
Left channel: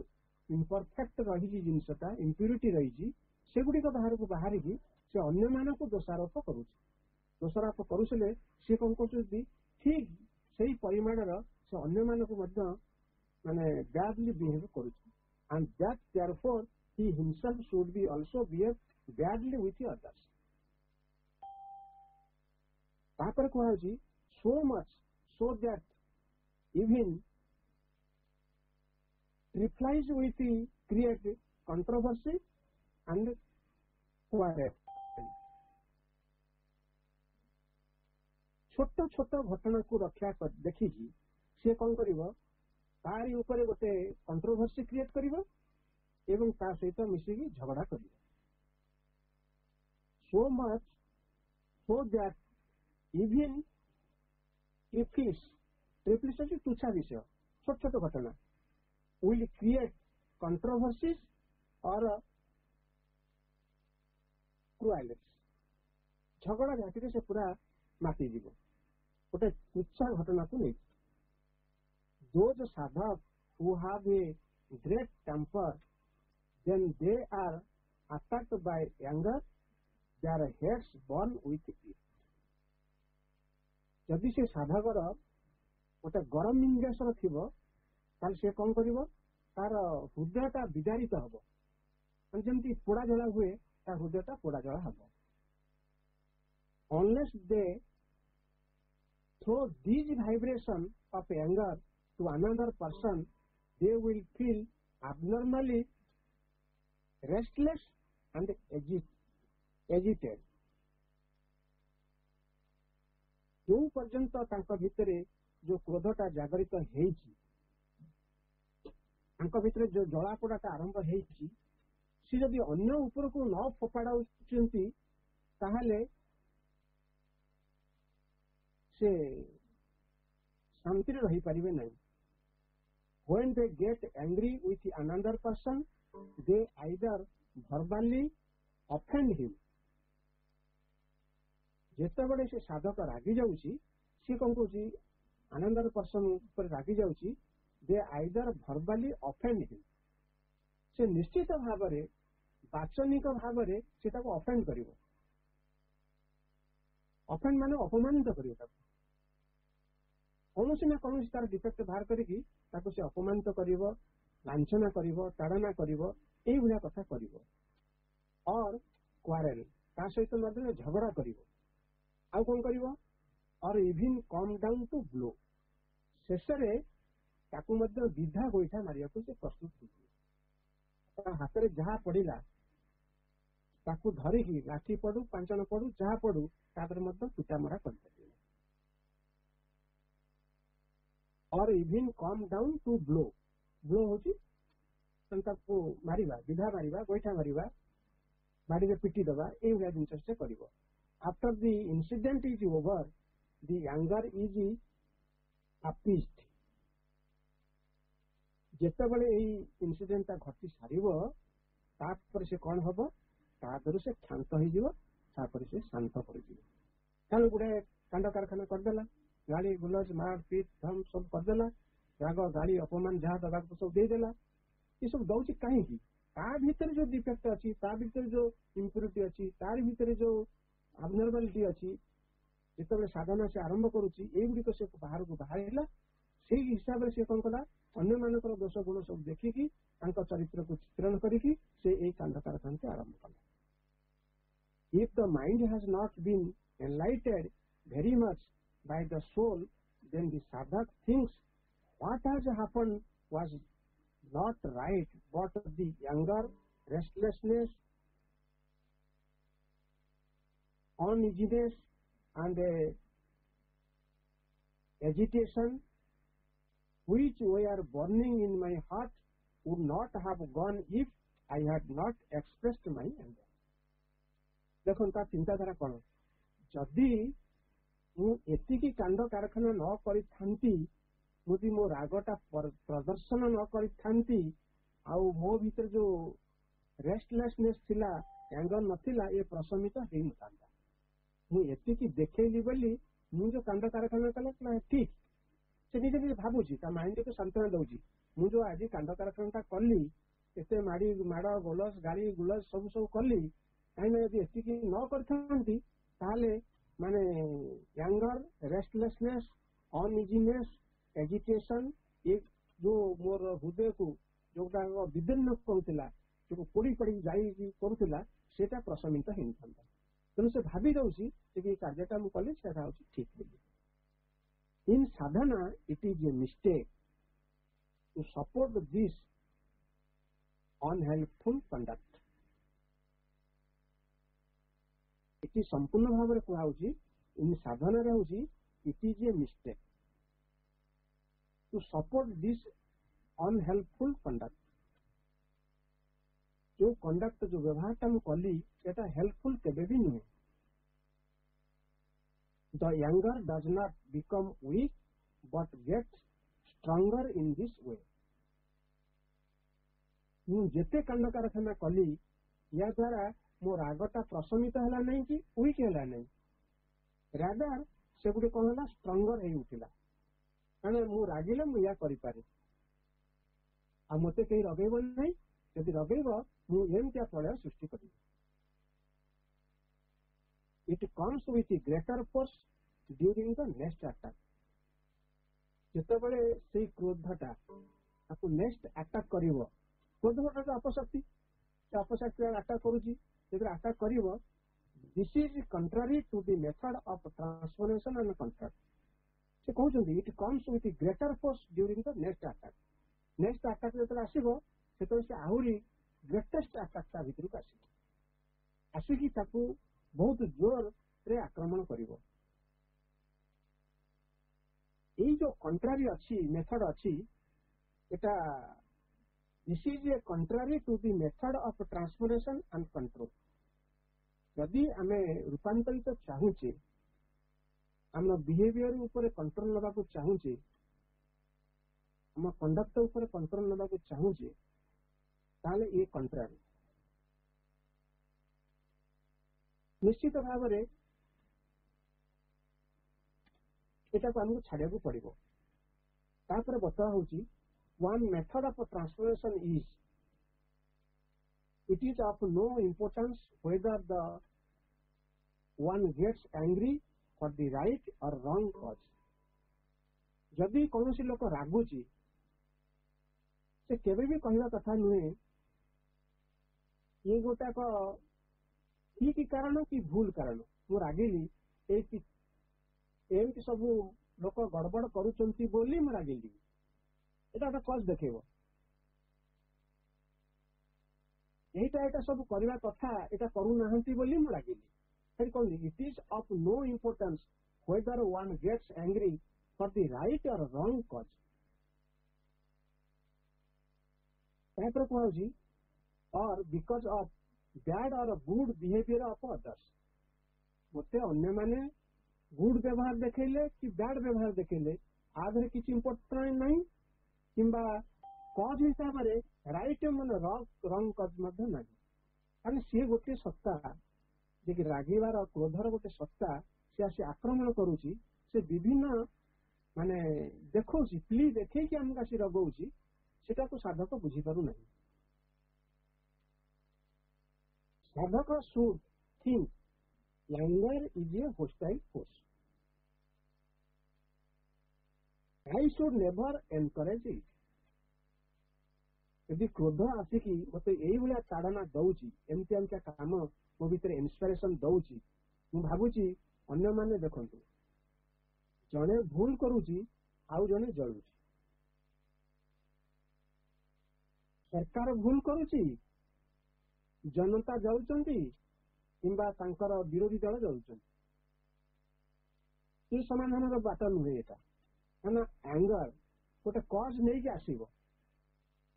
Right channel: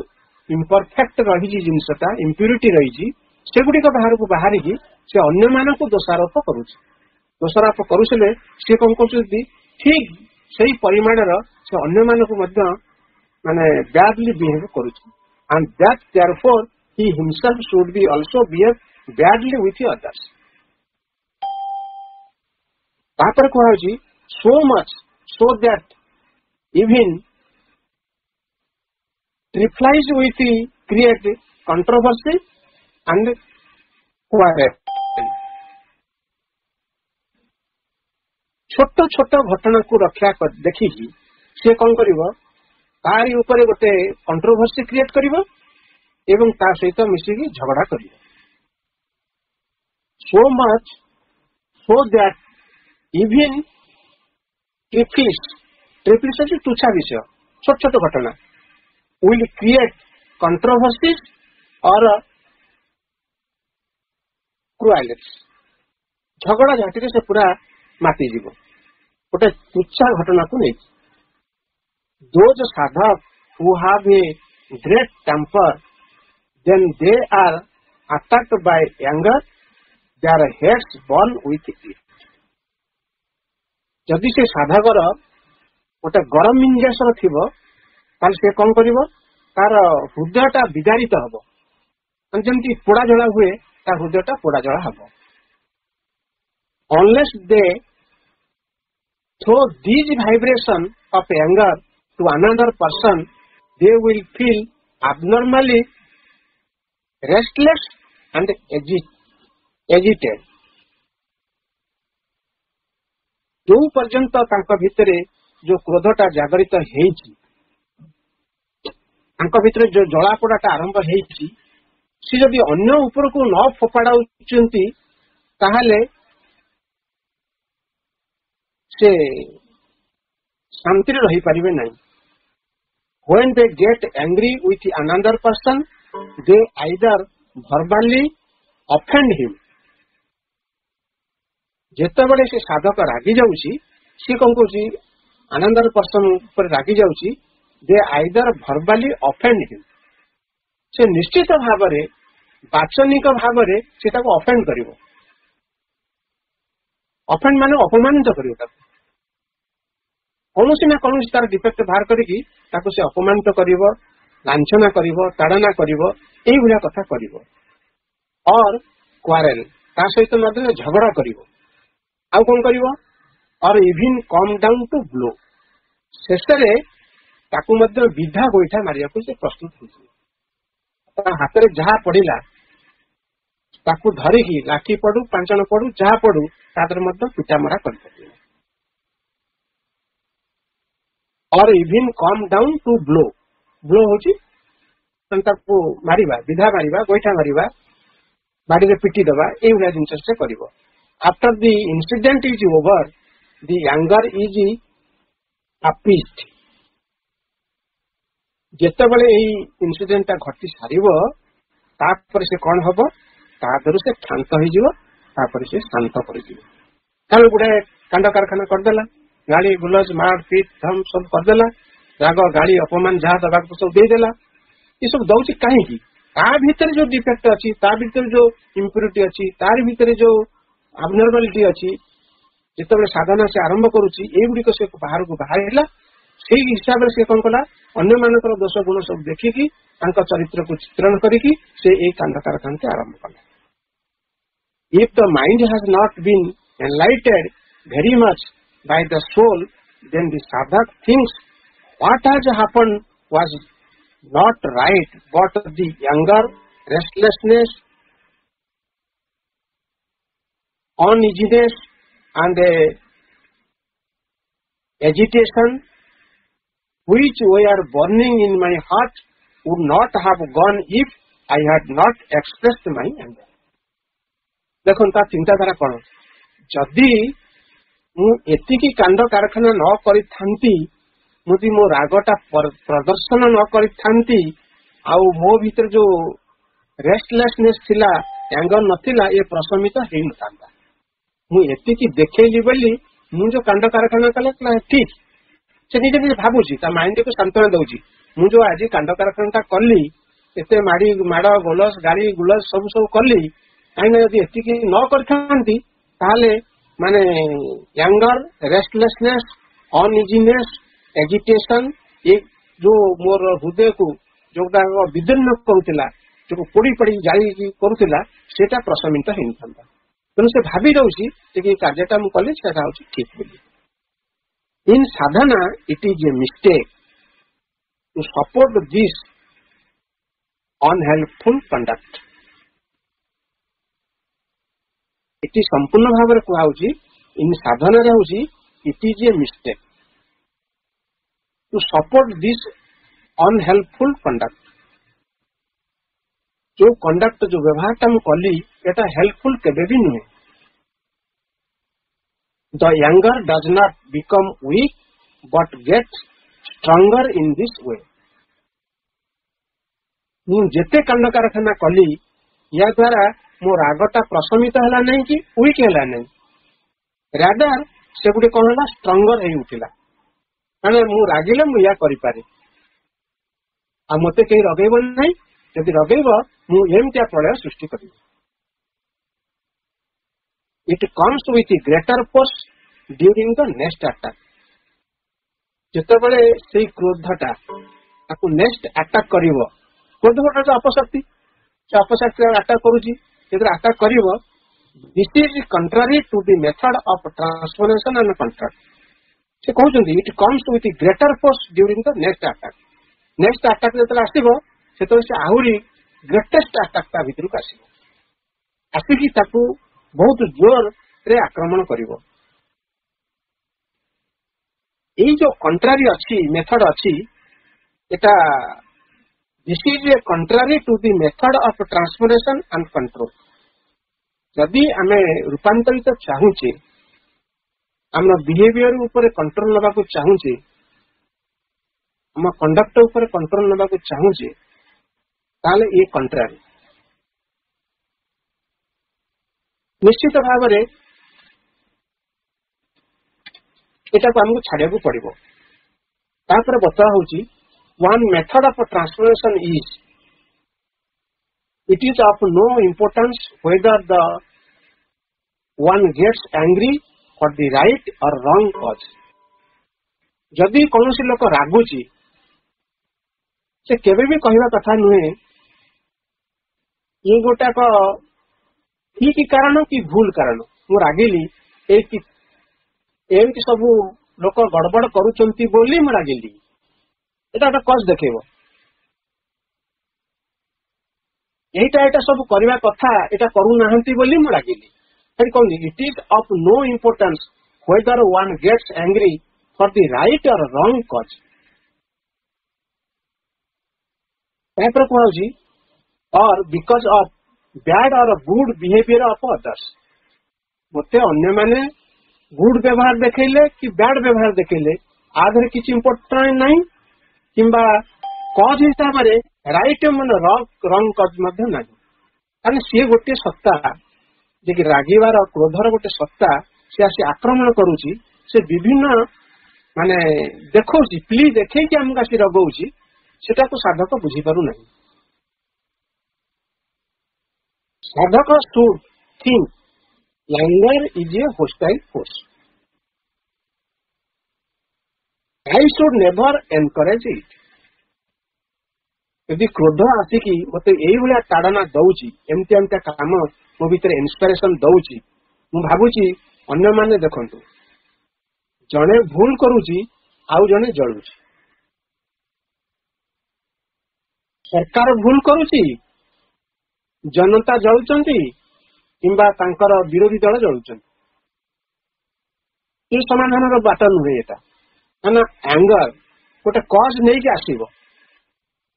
इम्परफेक्ट रही जिनसटा इम्प्यूरिटी रही से गुडी को बाहर को बाहरी की से अन्य मानक दोषारोप करूछि। दोषारोप करूसले से कोन कहउछंती ठीक सही परिमाण रो से अन्य मानक मध्य माने बैडली बिहेव करूछि, and that therefore he himself should be also behave badly with others. तापर कहउछि so much so that even trifles with create controversy and quarrel. छोट छोट घटना को रक्षा देखी से कौन करिवो तारी ऊपर गोटे कंट्रोवर्सी क्रिएट करिवो एवं ता सहित मिसिकी झगड़ा करिवो। so much so that even trifles है तुच्छा विषय छोट छोट घटना will create controversies or cruelty, झगड़ा झाटी से पूरा माती जीव गोटे तुच्छा घटना को नहीं। Those sadhak who have a great temper, then they are attacked by anger, their heads burn with it. जदि से साधकर गोटे गरम मिंजासर थिबो ताल से कौन करिवो तार हृदयटा विदारित हबो, जंती पोड़ा जला हुए तार हृदयटा पोड़ा जला हबो। Unless they throw these vibration of anger to another person, they will feel abnormally restless and agitated. जो पर्यंत तांका भितरे जो क्रोधटा जागृत हेछि, तांका भितरे जो जलापोड़ाटा आरंभ हेछि, से जदि अन्य ऊपर को न फोपाड़ाउचंती ताहले से शांति रही पारिबे नहीं. When they get angry with another person, they either verbally offend him. जेतेबेले से साधक रागी जाउची, से कौन कहूची another person पर रागी जाउची, they either verbally offend him. से निश्चित भाव रे वाचनिक भाव रे से ताको ऑफेंड करिवो. ऑफेंड माने अपमानित करिवो. ताको कौनसी ना कौनसी तार डिफेक्ट बाहर करिकी ताको से अपमानित करिवो, लांछना करिवो, ताड़ना करिवो, एई भलिया कथा करिवो. और क्वारेल ता सहित मध्य झगड़ा करिवो. आउ कोन करिवो? Or even come down to blow. शेषरे ताको मध्य विधा गोइठा मारिया को से प्रस्तुत होछि. हाथ में जहा पड़ा ताकू धरिकी लाठी पड़ू, पांचन पड़ू, जहा पड़ू तादर मध्य पिटामरा कर. Or even come down to blow. Blow होची ताकू मारिबा, विधा मारिबा, गोइठा मारिबा, बाड़ी रे पिटी दबा, ए भलिया जिंस से करिवो. After the incident is over, the anger is appeased. जेतेबेले एई इन्सिडेंट घटी सारिबो तापर से कोन हबो, तादरु से शांत होई जिवो, तापर से शांत करि जिवो. काल गुडे कांड कारखाना कर देला, गाड़ी गुलज मार पीट धम सब कर देला, राग गाड़ी अपमान जहा दबाक सब दे देला. ये सब दउची काहे की? ता भीतर जो डिफेक्ट अछि, ता भीतर जो इंप्योरिटी अछि, तार भीतर जो अबनॉर्मलिटी अछि, जेतेबेले साधना से आरंभ करूची ए गुडी को से बाहर को बाहरला. से हिसाब से कौन कला अन्य मानकर दोष गुण सब देखिकी चरित्र को चित्रण करिकी से एक कांड कारखाना आरंभ कला. If the mind has not been enlightened very much by the soul, then the sadhak thinks what has happened was not right, but the anger, restlessness, uneasiness and agitation which were burning in my heart would not have gone if I had not expressed my anger. देखो ता चिंताधारा कौन? जदि मु एतिकी कांड कारखाना न करि थांती, मुदी मो रागटा प्रदर्शन न करि थांती, आउ मो भीतर जो रेस्टलेसनेस थिला, एंगर नथिला, ये प्रशमित हेइ नथांता. मु एतिकी देखैली बोली मु जो कांड कारखाना कला ठीक से निजे निजे भाबुची, ता माइंड को सांत्वना दउची. मु जो आज कांड कारखाना कली, एते माड़ी माड़ गोलस गाड़ी गुलस सब सब कली, काइना यदि एतिकी न करथांती ताले माने एंगर, रेस्टलेसनेस, अनइजीनेस, एजिटेशन, ये जो मोर हृदय को जोटा विदीर्ण करुतिला, जो पोड़ी पड़ी जाई करुतिला, सेटा प्रशमित हेइ नथांता. तेणु से भावी रही कि कार्यटा मुझे ठीक बोली. In sadhana it is a mistake to support this unhelpful conduct. It संपूर्ण भाव में कहुची इन साधना हूँ it is a mistake to support this unhelpful conduct. जो कंडक्ट जो व्यवहारटा मु कली एटा हेल्पफुल केबे भी नुहे. The anger does not become weak but get stronger in this way. मु जेते कांड कारखाना कली या द्वारा मो रागटा प्रशमित हला नहीं कि वीक हला नहीं, रादर से गुटे कोन हला स्ट्रॉन्गर हे उठिला. माने मु रागिले मु या करि पारे, आ मते केही रगेब नहीं, यदि रगेब मु एमतिया प्रलय सृष्टि करी. It comes with greater force during the next attack. जेतेबेले सेही क्रोधटा ताकू नेक्स्ट अटैक करिवो, क्रोधटा तो अपशक्ति, से अपशक्ति अटैक करूची, जेतरे अटैक करिवो, this is contrary to the method of transformation and control. से कहते it comes with greater force during the next attack जो आसो से आहरी ग्रेटेस्ट अटैक ता भीतर को आसिकी बहुत जोर रे आक्रमण करिवो। यही जो कंट्रारी अच्छी मेथड अच्छी एटा this is a contrary to the method of transformation and control. जदि आमे रूपांतरित चाहूचे आम बिहेवियर ऊपर कंट्रोल नबा को चाहूचे आम कंडक्ट ऊपर कंट्रोल नबा को चाहूचे ताले ये कंट्रारी निश्चित भाव में एटा को हमको छाड़िया को पड़िबो। तापर बता होची one method of transformation is it is of no importance whether the one gets angry for the right or wrong cause। जदि कौन सी लोक रागुची से केबे भी कहवा कथा नुहे ये गोटा को ठीक कारण कि भूल कारण मु रागिली एमती सब लोक गड़बड़ करूचंती बोली मु रागिली एटा कज देखेबो यहीटा सब करवा कथा एटा करू नाहंती बोली मु लागिली फिर कहूँ it is of no importance whether one gets angry for the right or wrong cause. तापर कहूँ or because of bad or good behaviour of others मते अन्य माने गुड व्यवहार देखले कि बैड व्यवहार देखले आधर किसी इम्पोर्टेंट नहीं किंबा कज हिसाब से राइट मन रंग कज ना सी गोटे सत्ता जे कि रागिवार क्रोधर गोटे सत्ता सी आसी आक्रमण करुची से विभिन्न माने देखो प्ली देखे कि आमको आसी रगौची सेटा को साधक बुझी पारु नहीं। साधक should think anger is a hostile force. I should never encourage it. यदि क्रोध आसिकी मत यही ताड़ना दौची एमती एमती काम मो भीतर इंस्पिरेशन दौची मु भाबुची अन्य माने देखंतु जने भूल करूची आउ जने जळुची सरकार भूल करूची जनता जळुचंती किंबा तांकर विरोधी दल जळुचंती ये समाधान रो बाट नुहे एटा ना एंगर गोटे कज नहीं कि आसीबो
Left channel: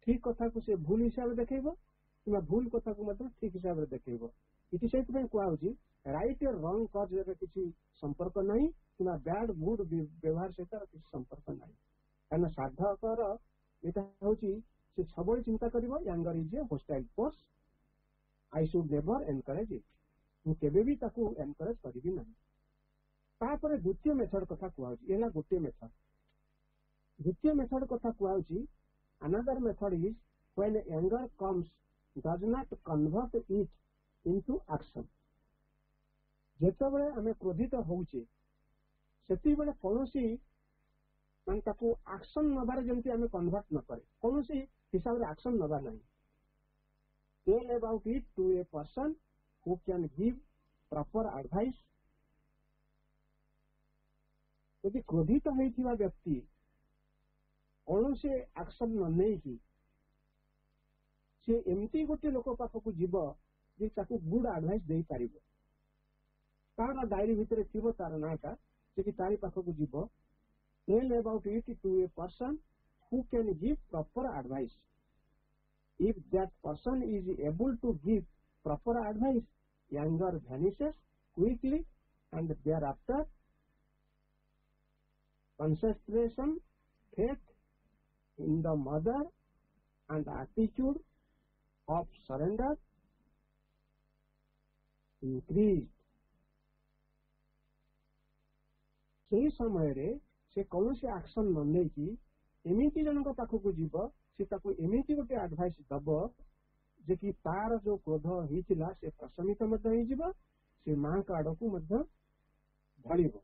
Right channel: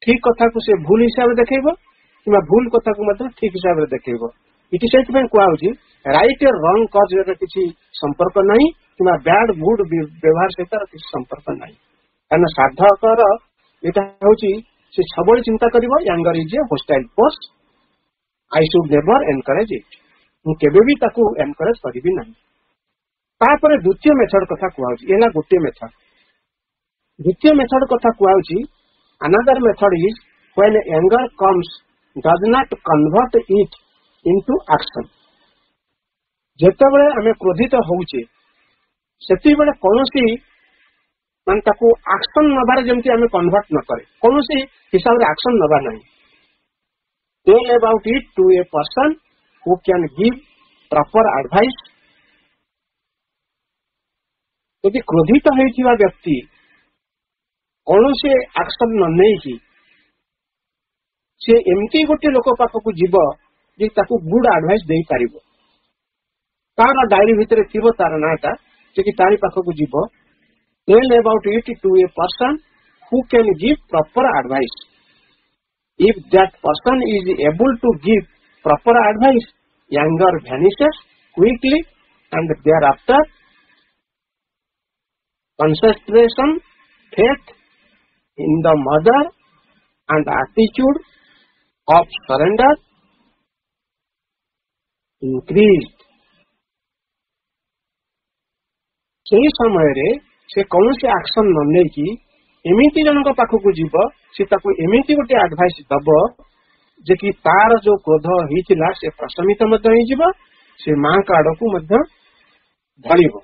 ठीक कथा को से भूल हिसाब से देखो कि भूल कथा को ठीक हिसाब से देखो इटी से कहुची राइट और रंग कज किसी संपर्क नहीं कि बैड गुड व्यवहार सहित किसी संपर्क नहीं कारण साधकर यहाँ हूँ से सब चिंता कर anger is a hostile force I should never encourage it मुझे भी एनकरेज करी ना। तापर द्वितीय मेथड कथा कहूँ ये गोटे मेथड द्वितीय मेथड कथा कहूँ another method is when anger comes does not convert it into action। जेते बळे हमें क्रोधित होउचे सेति बळे कोनोसी मान ताको एक्शन नबार जेमति हमें कन्वर्ट न करे कोनोसी हिसाब रे एक्शन नबा नहीं। Tell about it to a person who can give proper advice. यदि क्रोधित होइथिबा व्यक्ति कौन से एक्शन न नहीं सी एमती गोटे लोक पाखक जीव जे ताकू गुड एडवाइस दे पारिबो तार डायरी भितर थिबो तार नाटा जे कि तारी पाखक जीव tell about it to a person who can give proper advice. If that person is able to give proper advice anger vanishes quickly and thereafter concentration faith in the mother and attitude of surrender increased। सही समय रे से कौन से action न ले कि एमिति जनक पाखक जीव से ताको एमिति गोटे एडवाइस दब जे कि तार जो क्रोध होइतिला से प्रशमित मध्य होई जीव से मां का आड़कू मध्य ढळिबो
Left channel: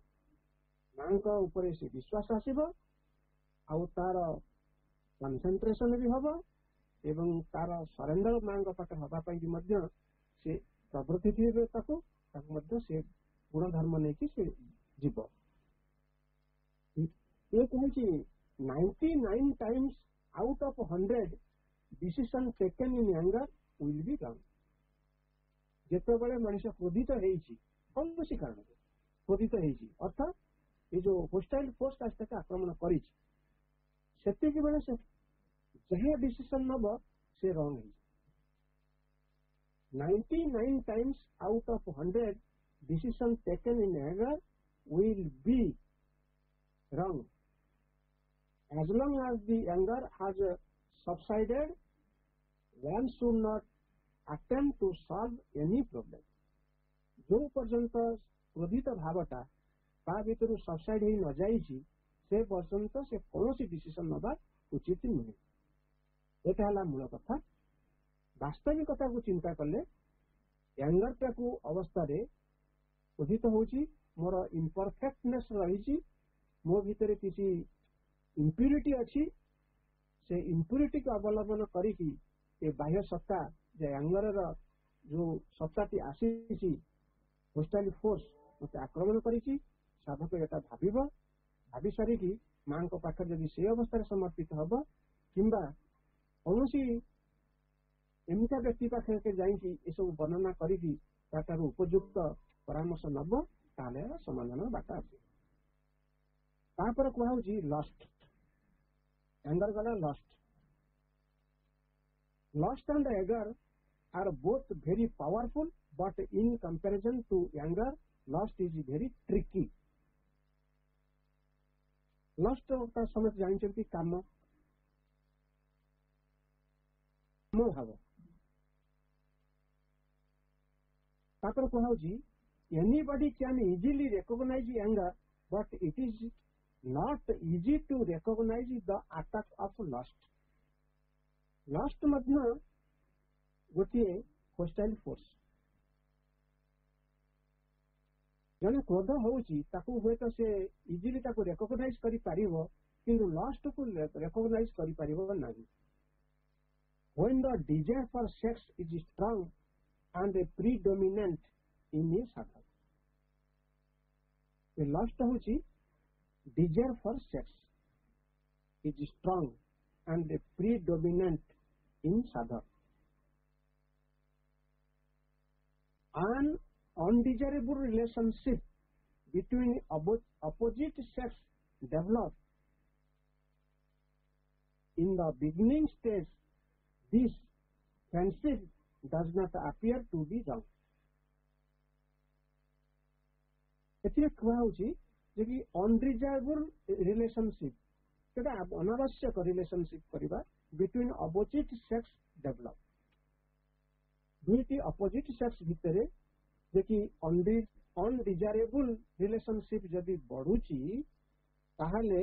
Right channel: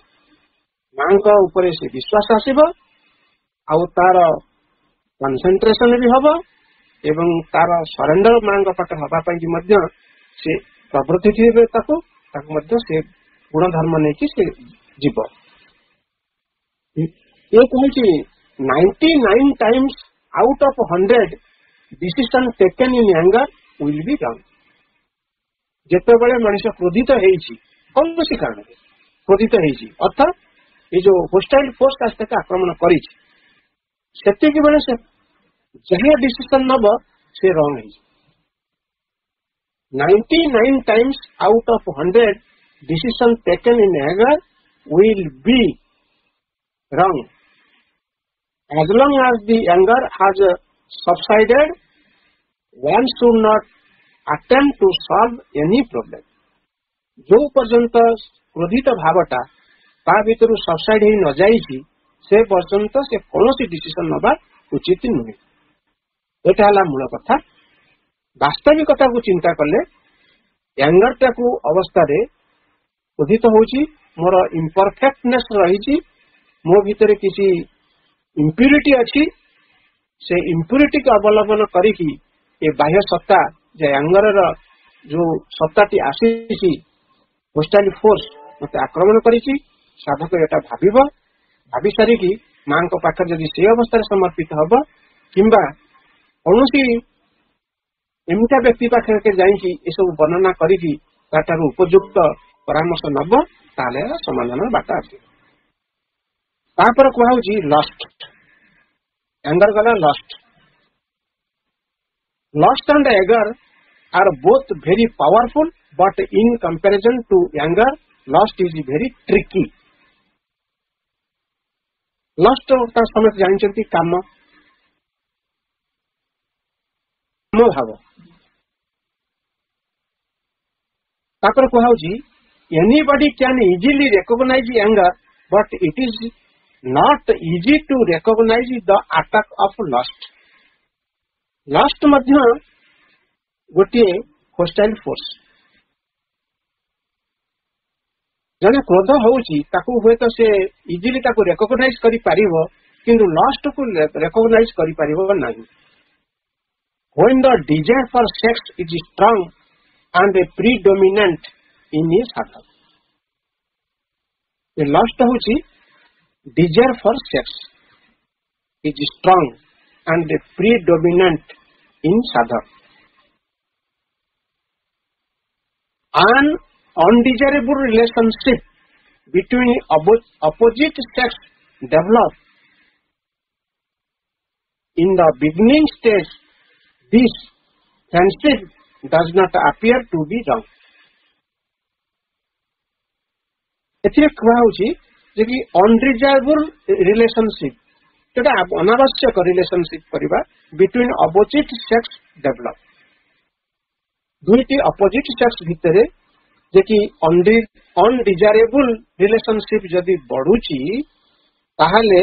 मां का ऊपर से विश्वास आसीबो आउ तार कंसंट्रेशन भी हबो एवं तार सरेंडर मां का पाखे हबा पई मध्य से प्रवृत्ति थिबे ताको मध्य से गुण धर्म नहीं कि से जीव। ये कहूँ 99 times out of 100 decision taken in anger will be wrong. जेतेबेले मनुष्य क्रोधित होइछि कौन कारण क्रोधित होइछि अर्थात ये जो होस्टाइल फोर्स आस्ते आक्रमण करिछि सेतिक बेले से जहाँ डिसीजन नब से रॉन्ग है 99 times out of 100 decision taken in anger will be wrong. As long as the anger has subsided, one should not attempt to solve any problem. जो पर्यंत क्रोधित भावटा ता भीतर सबसाइड ही न जाइछि से पर्यंत से कौन डिसीजन नबा उचित नुहे एटा हला मूल कथा वास्तविकता को चिंता कले एंगर टाकू अवस्था रे क्रोधित होउछि मोर इम्परफेक्टनेस रही मो भीतर किसी इम्प्यूरिटी अच्छी से इम्प्यूरिटी को अवलंबन करिकी ये बाह्य सत्ता जे एंगर जो सत्ताटी आसी होस्टाइल फोर्स मत आक्रमण करिछि साधक एटा भाभी सारिकी मां को पाखर जदि से अवस्था समर्पित हब किंबा कौनसी एमता व्यक्ति पाखे के जाइकी ये सब वर्णना करिकी ताठार उपयुक्त परामर्श नब ताले समाधान बाटा आसी तापर कहूँ लस्ट एंगर गला लस्ट एंड एगर are both very powerful but in comparison to anger lust is very tricky lust समस्त जानते काम भाव तापर कहूँ anybody can easily recognise anger but it is not easy to recognise the attack of lust मध्य गोटे hostile force जने क्रोध होउची ताकू हुए तो से इजिली ताकू रिकॉग्नाइज करि पारिबो किंतु लस्ट को रिकॉग्नाइज करि पारिबो नाही when the desire for sex is strong and predominant in his heart the lust होउची desire for sex is strong and predominant in sadhak. An undesirable relationship between opposite sex develop in the beginning stage. This friendship does not appear to be wrong. एथिरे कहउची जे कि undesirable relationship जेटा अनावश्यक relationship करिबा between opposite sex develop दुईटी opposite sex भितरे जे कि undesirable relationship जदि बढ़ुची ताहाले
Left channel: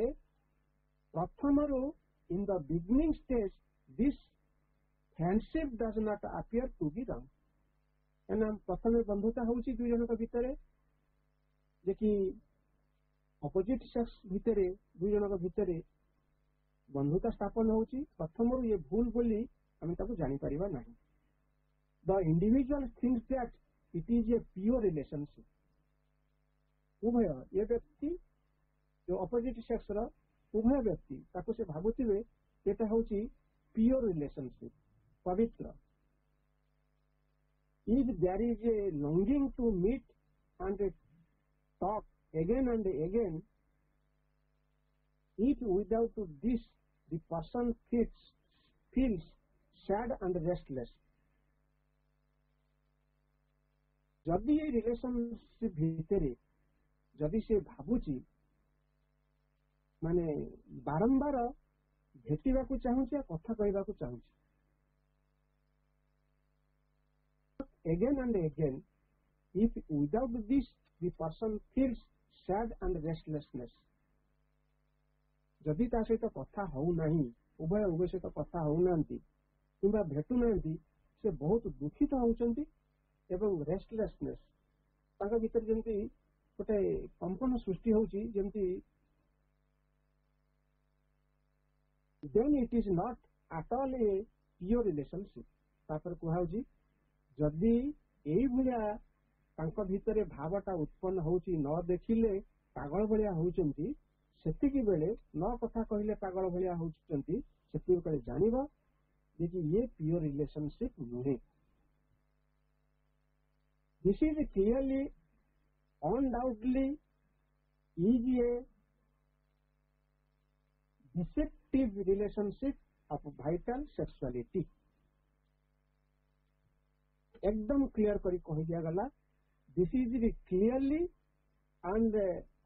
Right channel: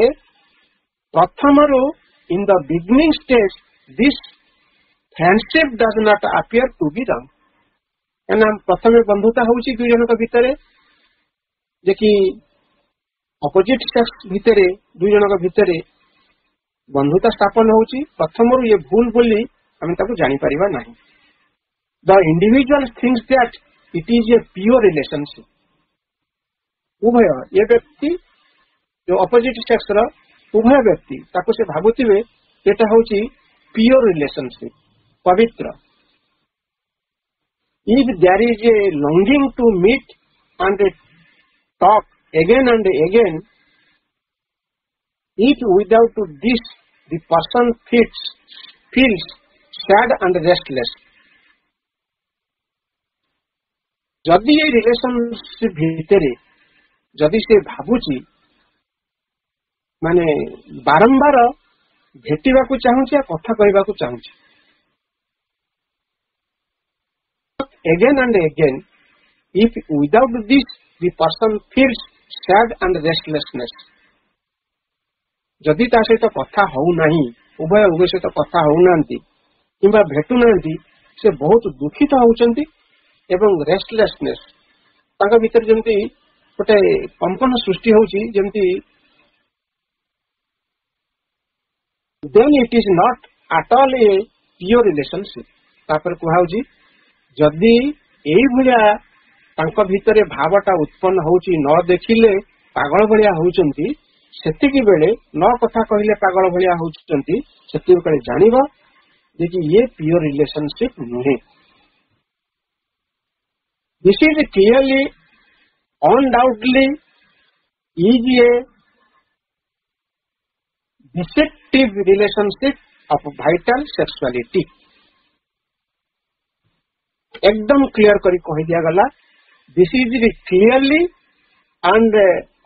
प्रथमरो in the beginning stage this friendship does not appear to be wrong एना प्रथमे बंधुता होउची दुई जनक भितरे जे कि अपोजिट सेक्स भितरे दुई जनक भितरे बंधुता स्थापन होउची प्रथमरु ये भूल बोली हम ताको जानि परिबा नाही the individual thinks that it is a pure relationship उभय ये व्यक्ति जो अपोजिट सेक्स रो उभय व्यक्ति ताको से भाबुतिबे एटा होउची प्योर रिलेशनशिप पवित्र if there is a longing to meet and talk again and again if without this the person feels sad and restless जदि ये रिलेशनशिप भितरे जदि से भाबुची माने बारंबार भेटिबा को चाहूची कथा कहबा को चाहूची again and again if without this the person feels sad and restlessness जदि ता सहित कथा हो नहीं उभय सहित कथा हो नांती किंबा भेटु नांती से बहुत दुखित होउचंती एवं रेस्टलेसनेस ताका भीतर जेमती गोटे कंपन सृष्टि होउची जेमती then it is not at all a pure relationship तापर कुहाउची जदि एई भलिया तांका भीतरे भावटा उत्पन्न होउची न देखिले पागल भलिया होउचंती ସେତିକି ବେଳେ ନ କଥା କହିଲେ ପାଗଳ ଭଳିଆ ହଉଛନ୍ତି, ସେତିକି ବେଳେ ଜାଣିବ ଯେ କି ଇଏ ପିଓର ରିଲେସନସିପ ନୁହେଁ। This is clearly undoubtedly is a deceptive relationship of vital sexuality। एकदम क्लियर करी कह दिया गला, this is clearly and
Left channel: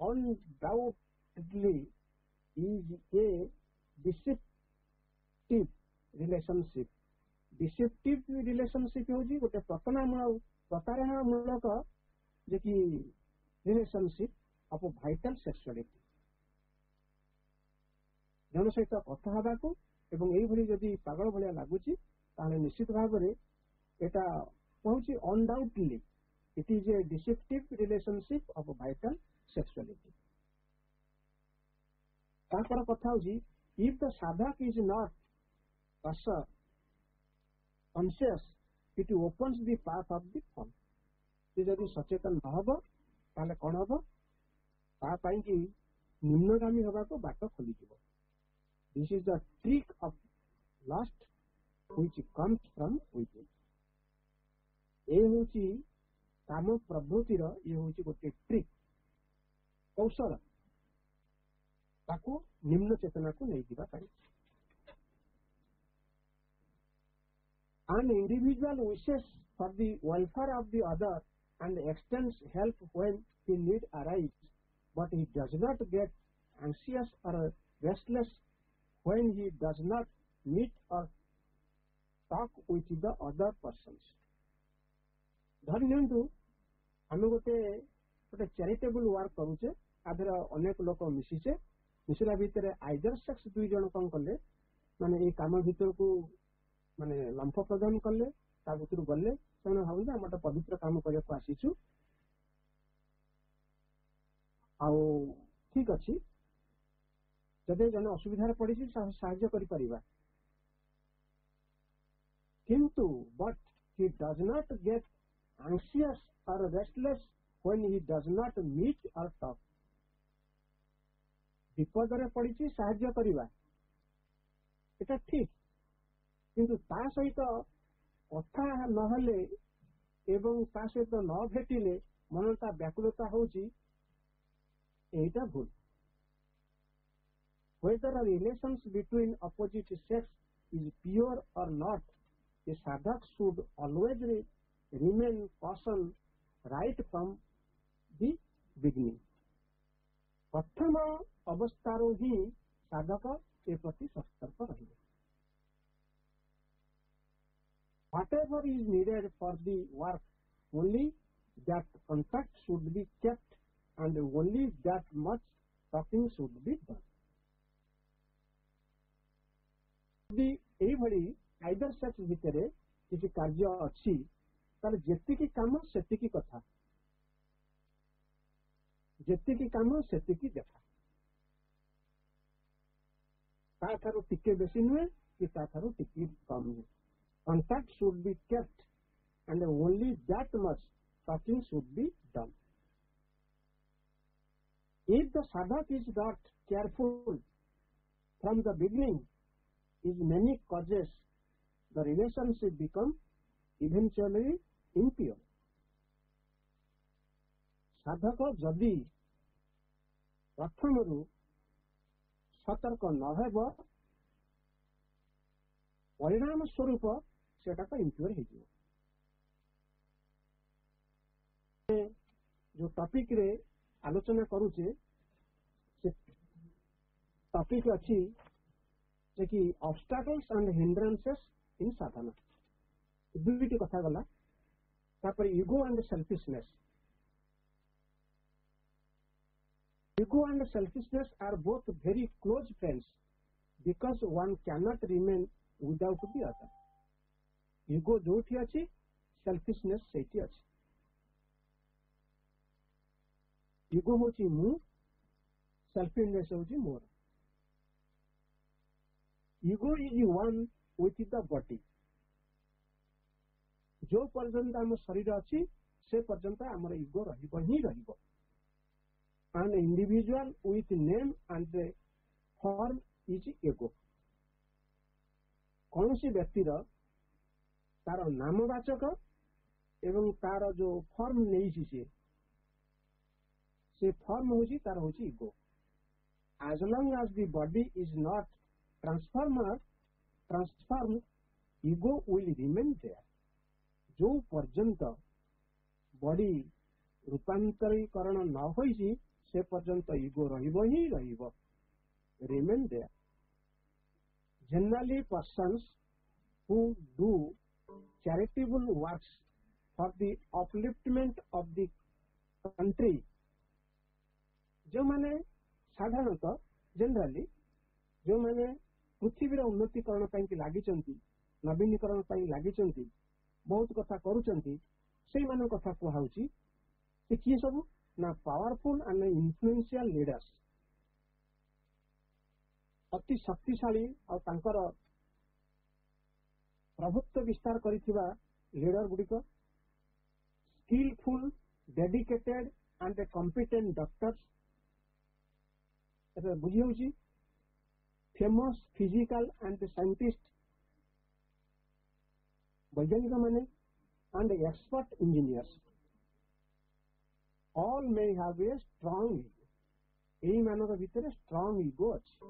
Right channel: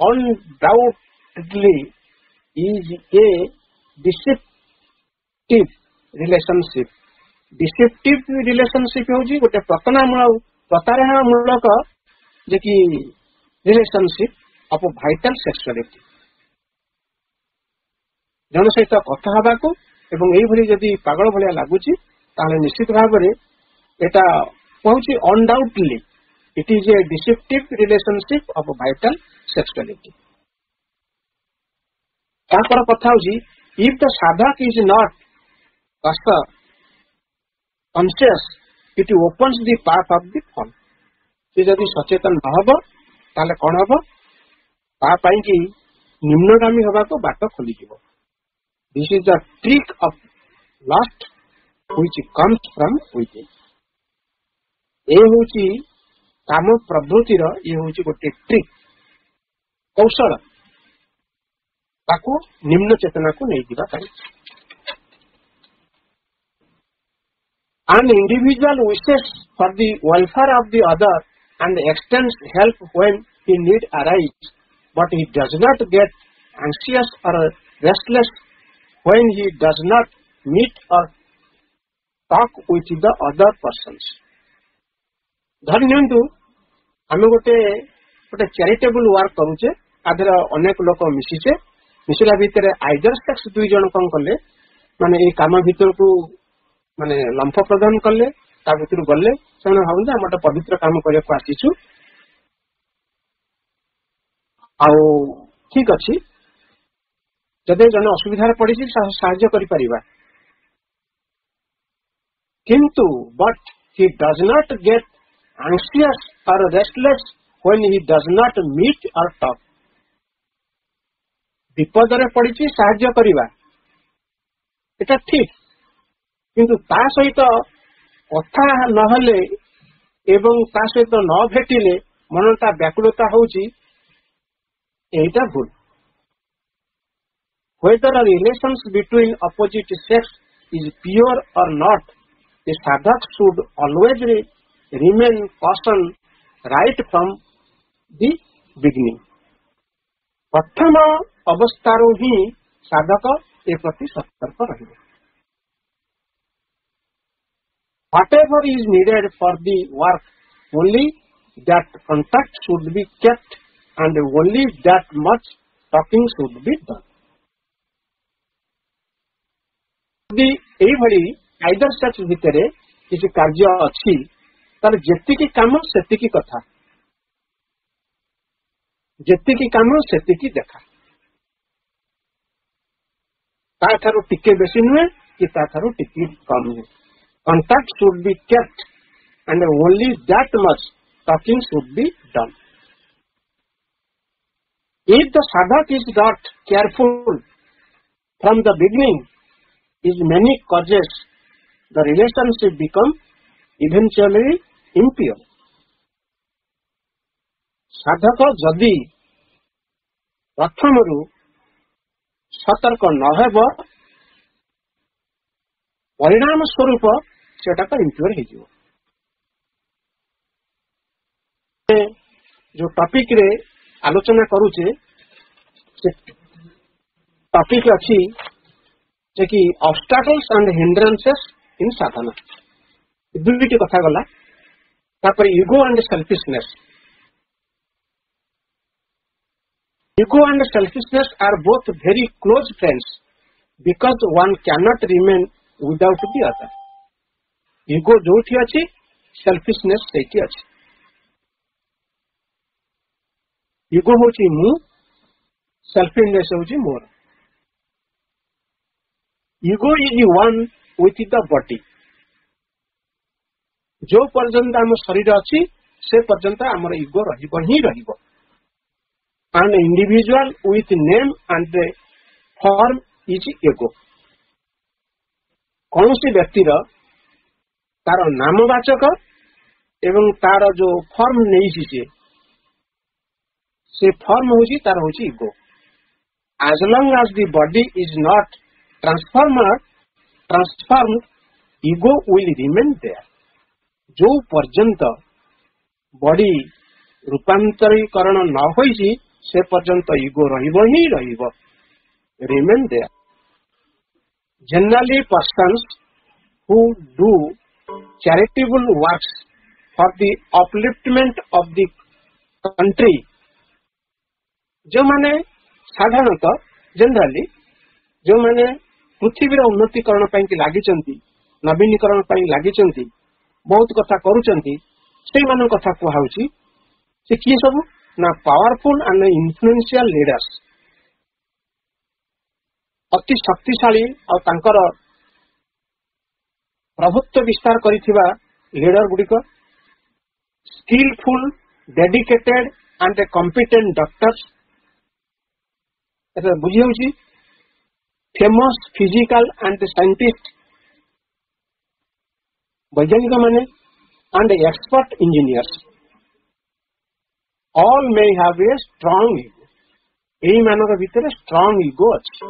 undoubtedly is a deceptive relationship। deceptive relationship होची गोटे प्रतारणा जे कि रिलेशनशिप ऑफ वाइटल सेक्सुअलिटी। जन सहित कथा हबाकू एवं एई भली जदि पागल भलिया लागुची ताले निश्चित भाव में एटा कहूची undoubtedly it is a deceptive relationship of vital sexuality. तापर कथा होची if the sadhak is not conscious it opens the path of the fall. से जदि सचेतन न हब ताले कौन हम तापाई कि निम्नगामी हवा को बाट खोली। This is the trick of lust which comes from within. ए होची काम प्रवृत्तिर ये होची गोटे ट्रिक कौशल ताको निम्न चेतना को नहीं दिबा पाई। An individual wishes for the welfare of the other and extends help when he need arise, but he does not get anxious or restless when he does not meet or talk with the other persons। धरनियंतु आमे गोटे charitable work करूचे, आधर अनेक लोक मिशिचे, मिशिला भितर either sex दुई जन कौन कले माने ए काम भितर को माने लंफ प्रदान कले, ता भितर गले से भावुन आम गोटे पवित्र काम करने को आसीचु। आउ ठीक अच्छी जदि जन असुविधार पड़ी साहाय्य करिपरिबा, किंतु but he does not get anxious or restless when he does not meet or talk। विपद रे पड़ी साहाय्य करिबा एटा ठीक, किंतु ता सहित कथा नहले एवं ता सहित न भेटिले मनता व्याकुलता होची एटा भूल। Whether a relations between opposite sex is pure or not, the sadhak should always remain caution right from the beginning। प्रथम अवस्थारो ही साधक ए प्रति सतर्क रहिबे। Whatever is needed for the work, only that contact should be kept and only that much talking should be done। यदि एई भली either sex भितरे किसी कार्य अच्छी तार जेतिकी काम सेतिकी कथा, जेतिकी काम सेतिकी देखा, ता थारु टिके बेसी नुहे कि ता थारु टिके कम नुहे। Contact should be kept and only that much talking should be done। If the sadhak is not careful from the beginning, is many causes, the relationship become eventually impure। साधक जदि प्रथम सतर्क नहेब परिणाम स्वरूप सेटा इम्प्योर हो। जो टॉपिक रे आलोचना करूचे से टॉपिक अच्छी जे कि obstacles and hindrances in sadhana. दुईटी कथा गला, तापर ego and selfishness. Ego and selfishness are both very close friends because one cannot remain without the other. Ego जोठी अच्छी सेल्फिशनेस सेठी अच्छी। ईगो होची मु, सेल्फिशनेस होची मोर। Ego is one with the body. जो पर्यंत आम शरीर अच्छी से पर्यंत आमर ईगो रहिबो ही रहिबो। an individual with name and form is ego. कौन सी व्यक्ति तार नामवाचक एवं तार जो फॉर्म नहीं से फॉर्म होची तार होची ego. as long as the body is not transformed ego will remain there. जो पर्यंत बॉडी रूपांतरीकरण न होईची से पर्यंत ईगो रहिबो ही रहिबो, remain there. Generally persons who do charitable works for the upliftment of the country, जो माने साधारणतः जनरली जो माने पृथ्वीर उन्नतिकरण ପାଇଁ कि लागिचंती, नवीनीकरण ପାଇଁ लागिचंती, बहुत कथा करूचंती, से मान कथा कुहाउची. से किए सब ना पावरफुल एंड इन्फ्लुएंशियल लीडर्स, अति शक्तिशाली और तांकर प्रभुत्व विस्तार करिथिबा लीडर गुडिक, skilful dedicated and competent doctors, एटा बुझी होची, फेमस फिजिकल एंड साइंटिस्ट वैज्ञानिक माने and expert engineers, all may have a strong ego. एही मानक भितर strong ego अछि.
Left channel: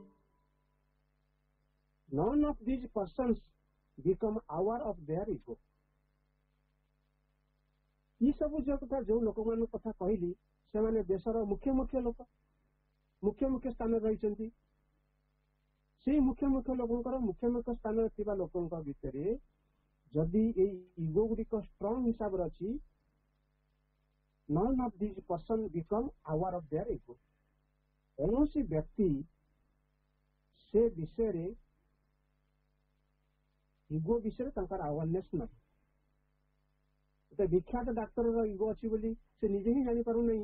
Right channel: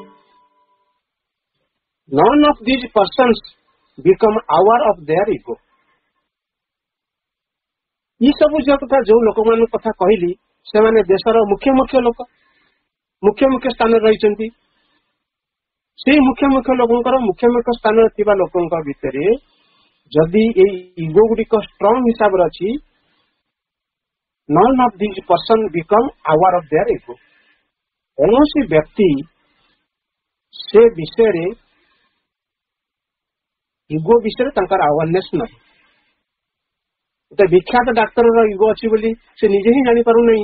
None of these persons become aware of their ego. ई सब जो कथा जो लोक मान कथा कहली से माने देशर मुख्य मुख्य लोक मुख्य मुख्य स्थान रहिचंती. से मुख्य मुख्य लोकंकर मुख्य मुख्य स्थान थिबा लोकंक भितरे जदि ए ईगो गुडिक स्ट्रांग हिसाब रे अछि, none of these person become aware of their ego. कौनसी व्यक्ति से विषय रे ईगो विषय तंकर अवेयरनेस नहीं. गोटे विख्यात डाक्तर ईगो अच्छी बोली से निजे ही जानी पारु नहीं.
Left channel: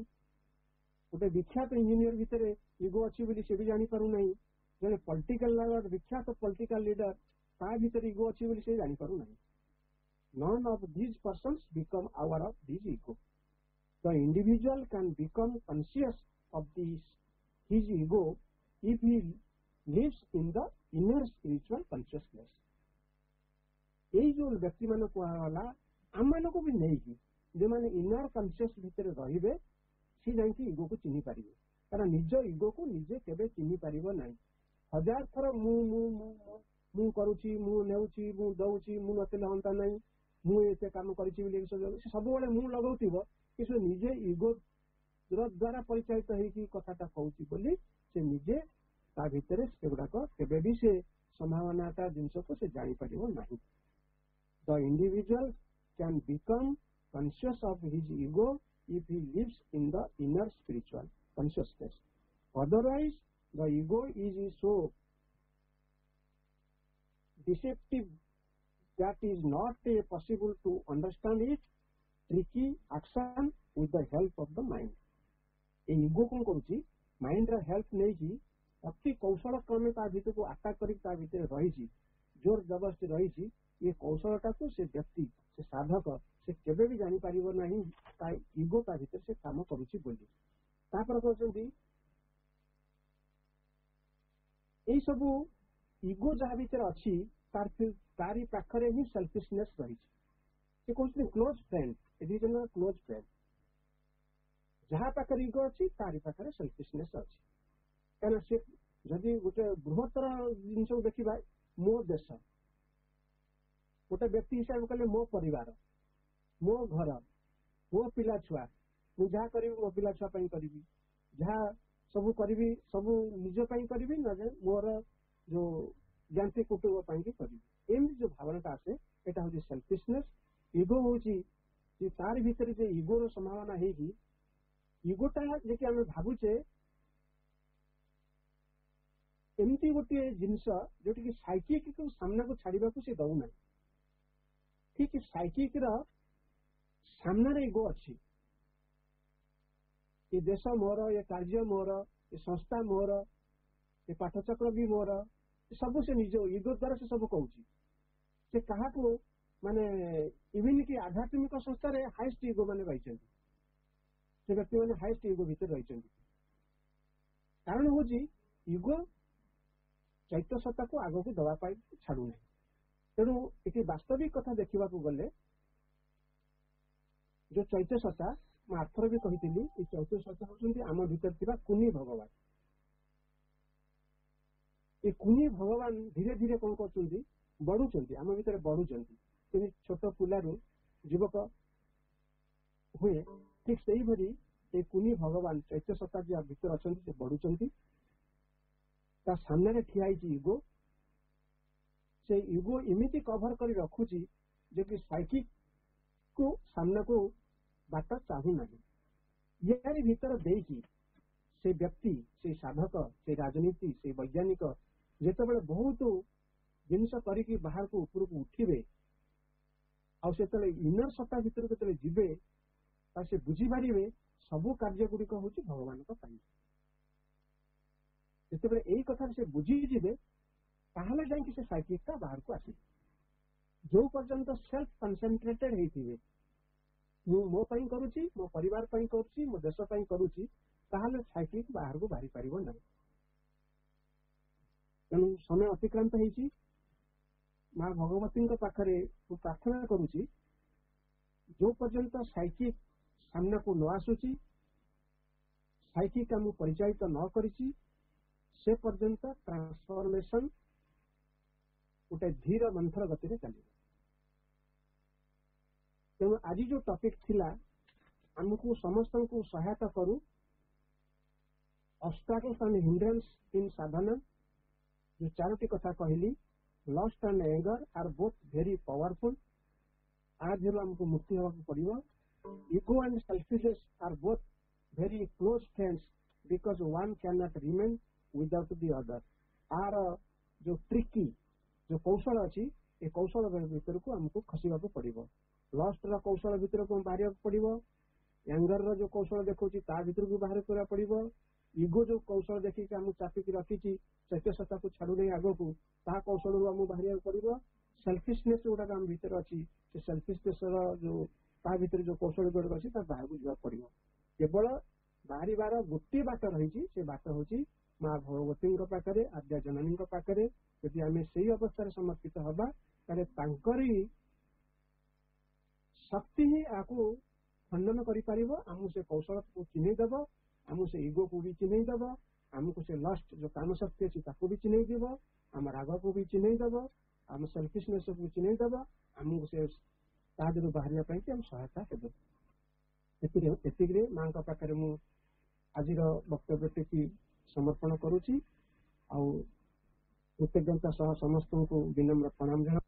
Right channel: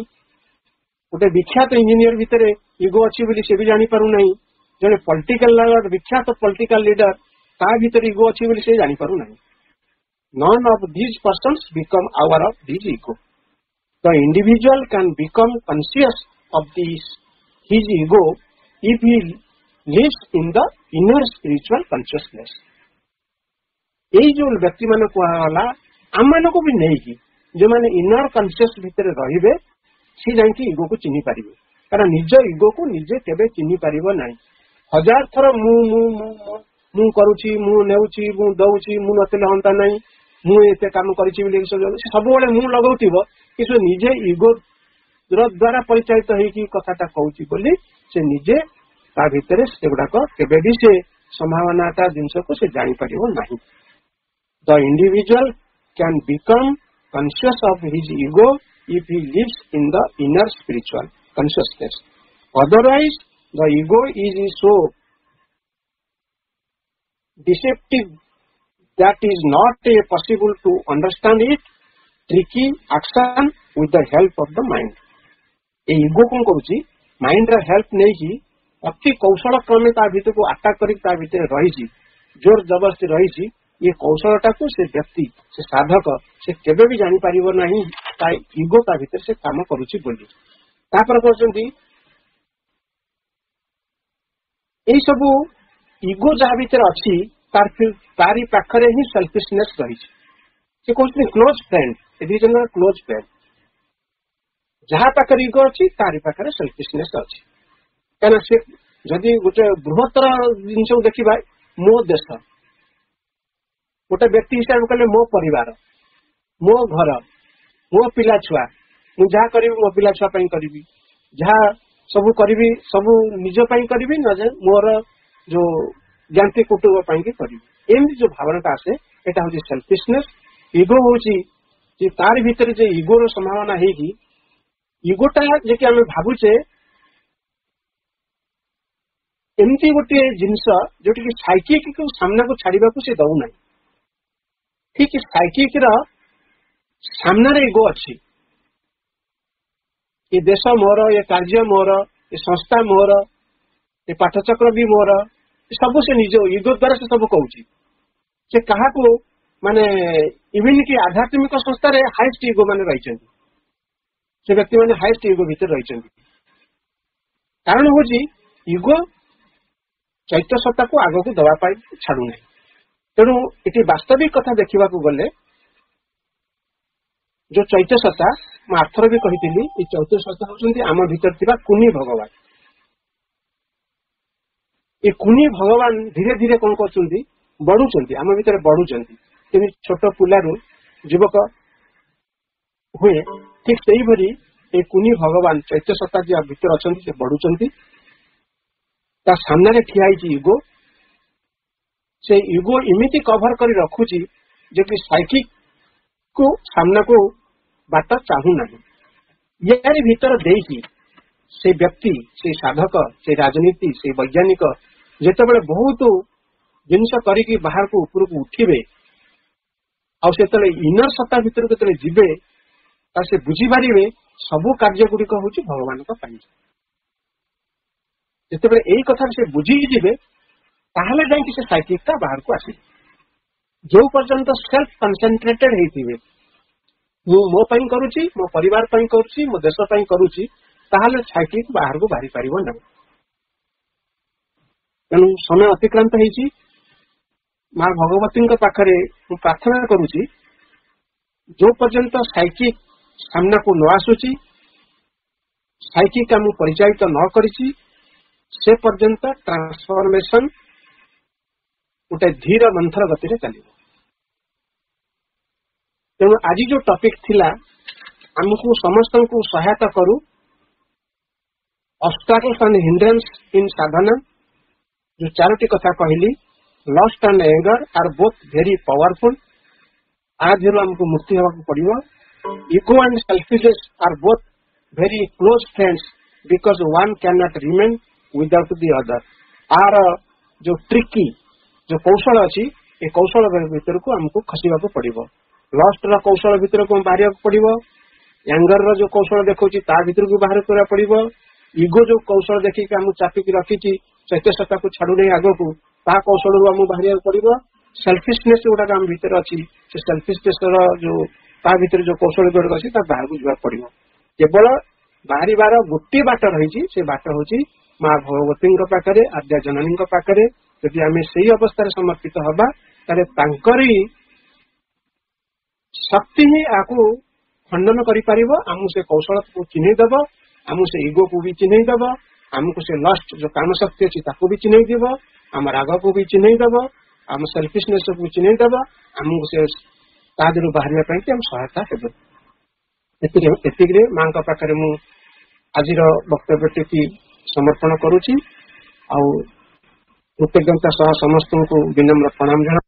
गोटे विख्यात इंजीनियर भितर ईगो अच्छी बोली से भी जानी पारु नहीं. जने पॉलिटिकल लीडर विख्यात पॉलिटिकल लीडर ता भीतर ईगो अच्छी बोली से जानी पारु नहीं. None of these persons become aware of this ego. The individual can become conscious of his ego if he lives in the inner spiritual consciousness. यही जो व्यक्ति मान कहला आम मान को भी नहीं कि जो माने इनर कॉन्शियस भितर रहिबे सी जांकी ईगो को चिन्हि पारिबे. कारण निज ईगो को निजे केबे चिन्हि पारिबो नाही. हजार थर मु मु मु मु करूची, मु नेउची, मु दउची, मु नतले हंता नाही, मु एते काम करिछि बोली सब बेले मु लगाउतिबो कि निजे ईगो द्वारा परिचालित होगी कथाटा कहूँ बोली से निजे ता भितर से गुड़ाक केबे भी से संभावनाटा जिनस को से जानी परिबो नाही. The individual can become conscious of his ego if he lives in the inner spiritual consciousness. Otherwise the ego is so deceptive that is not possible to understand it. Tricky action with the help of the mind. A ego कौन करुची mind रा help नहीं की अति कौशल क्रमे ता भीतर को अटैक करी ता भीतर रही जोर जबरदस्ती रही. ये कौशलटा को से व्यक्ति से साधक से केबे भी जानी पारिबो नहीं ता ईगो ता भीतर से काम करुची बोली. तापर कहउछंती एई सब ईगो जहा भीतर अछि तार फिर तारी पाखरे ही सेल्फिशनेस रही. से कहउछंती क्लोज फ्रेंड, ए दी जन क्लोज फ्रेंड जहा पाखरे ईगो अछि तारी पाखरे सेल्फिशनेस अछि. काना से जदि गोटे बृहत्तर जिनस देखिबा मो देश गोटे व्यक्ति हिसाब कले मो परिवार, मो घर, मो पिला छुआ, मु जहा करी मो पिला छुआ पई करी, जहा सब करी सब निज पई करी न मोर जो ज्ञाति कुटुंब पई के करी. एमती जो भावनाटा आसे एटा होची सेल्फिशनेस. ईगो होची जे तार भीतर जे ईगो रो संभावना हेगी ईगोटा जे कि हमें भाबुचे एमती गोटे जिनस जोटी कि साइकिक को सामना को छाड़ीबा को से दउ नाही. ठीक साइकिक रा सामना रे ईगो अछि. ये देश मोर, ये कार्य मोर, ये संस्था मोर, ये पाठचक्र भी मोर, सब से निज ईगो द्वारा से सब कहूची. से कहा को माने इवन की आध्यात्मिक संस्था रे हाईएस्ट ईगो माने रहिचंती. से व्यक्ति माने हाईएस्ट ईगो भीतर रहिचंती. कारण हूँ युगो चैत्य सत्ता को आग को दवाई छाड़ू ना तेणु ये वास्तविक कथा देखा गले जो चैत्य सत्ता मैं आर्थर भी कही ये चैत्य सत्ता होती आम भीतर कुनी भगवान ये कुनी भगवान धीरे धीरे कौन कर बढ़ुंट आम भीतर बढ़ुंट छोट पिलारू युवक हुए ठीक से भरी ये कुनी भगवान चैत्य सत्ता जी भीतर अच्छा से बढ़ुंट सामने ठिया युगो से युगो इमिति कभर कर रखुची जो कि साइकिक को सामना को बाट चाहूना यार भीतर देकी से व्यक्ति से साधक से राजनीति से वैज्ञानिक जिते बहुत जिनस करी बाहर को ऊपर को उठे आते इनर सत्ता भीतर के जीवे से बुझीपारे सबू कार्य गुड़िक हूँ भगवान जिते यही कथा से बुझीजे ताहले जाइए से साइकिकटा बाहर को आसे जो पर्यंत सेल्फ कनसेंट्रेटेड होते मो करुच्ची मो परिवार करुच्ची मो देश करुच्ची ताहले साइकिक बाहर को बाहरी पार ना तेणु समय अतिक्रांत होती माँ भगवती पाखरे प्रार्थना करुच्ची जो पर्यंत साइकिक सामना को न आसुची साइकिक आम परिचालित न करिची से पर्यंत ट्रांसफॉर्मेशन गोटे धीर मंथर गति में चलो तेणु आज जो टॉपिक थिला आमको समस्त को सहायता करू obstacles and hindrance in sadhana जो चारोटी कथा कहली lust and anger are both very powerful आधीर आमको मुक्ति होगा पड़ो ego and selfishness are both very close friends because one can not remain without the other आर जो ट्रिकी जो कौशल अच्छी ये कौशल भीतर को आमको खसवा पड़ो लस्ट कौशल भीतर को बाहर पड़ो एंगर जो कौशल देखा भीतर को बाहर करा पड़ो इगो जो कौशल देखिए आम चापिकी रखी चैत्य सत्ता को छाड़ू नहीं आग को कौशल आम बाहर पड़ो सेल्फिशनेस गुड़ाक आम भीतर अच्छी से सेल्फिशनेस जो भीतर जो कौशल गुड़ाक अच्छी बाहर को जावाक पड़ो केवल बाहर गोटे बाट रही से बाट हूँ माँ भगवती पाखे आद्या जननी पाखे यदि आम से अवस्था समर्पित हवा तांकरी शक्ति ही आपको खंडन कर से कौशल को चिन्हदब आम से इगो को भी चिन्हदब आमको से लस्ट जो काम शक्ति अच्छी भी चिन्हदब आम राग को भी चिन्हदब आम सेल्फिशनेस को चिन्हदब आमको से तादर बाहर हम सहायता हेतु माँ पाखे मु आज वक्तव्य टी समर्पण करुच्ची कृतज्ञता सह समस्त को विनम्र प्रणाम जना।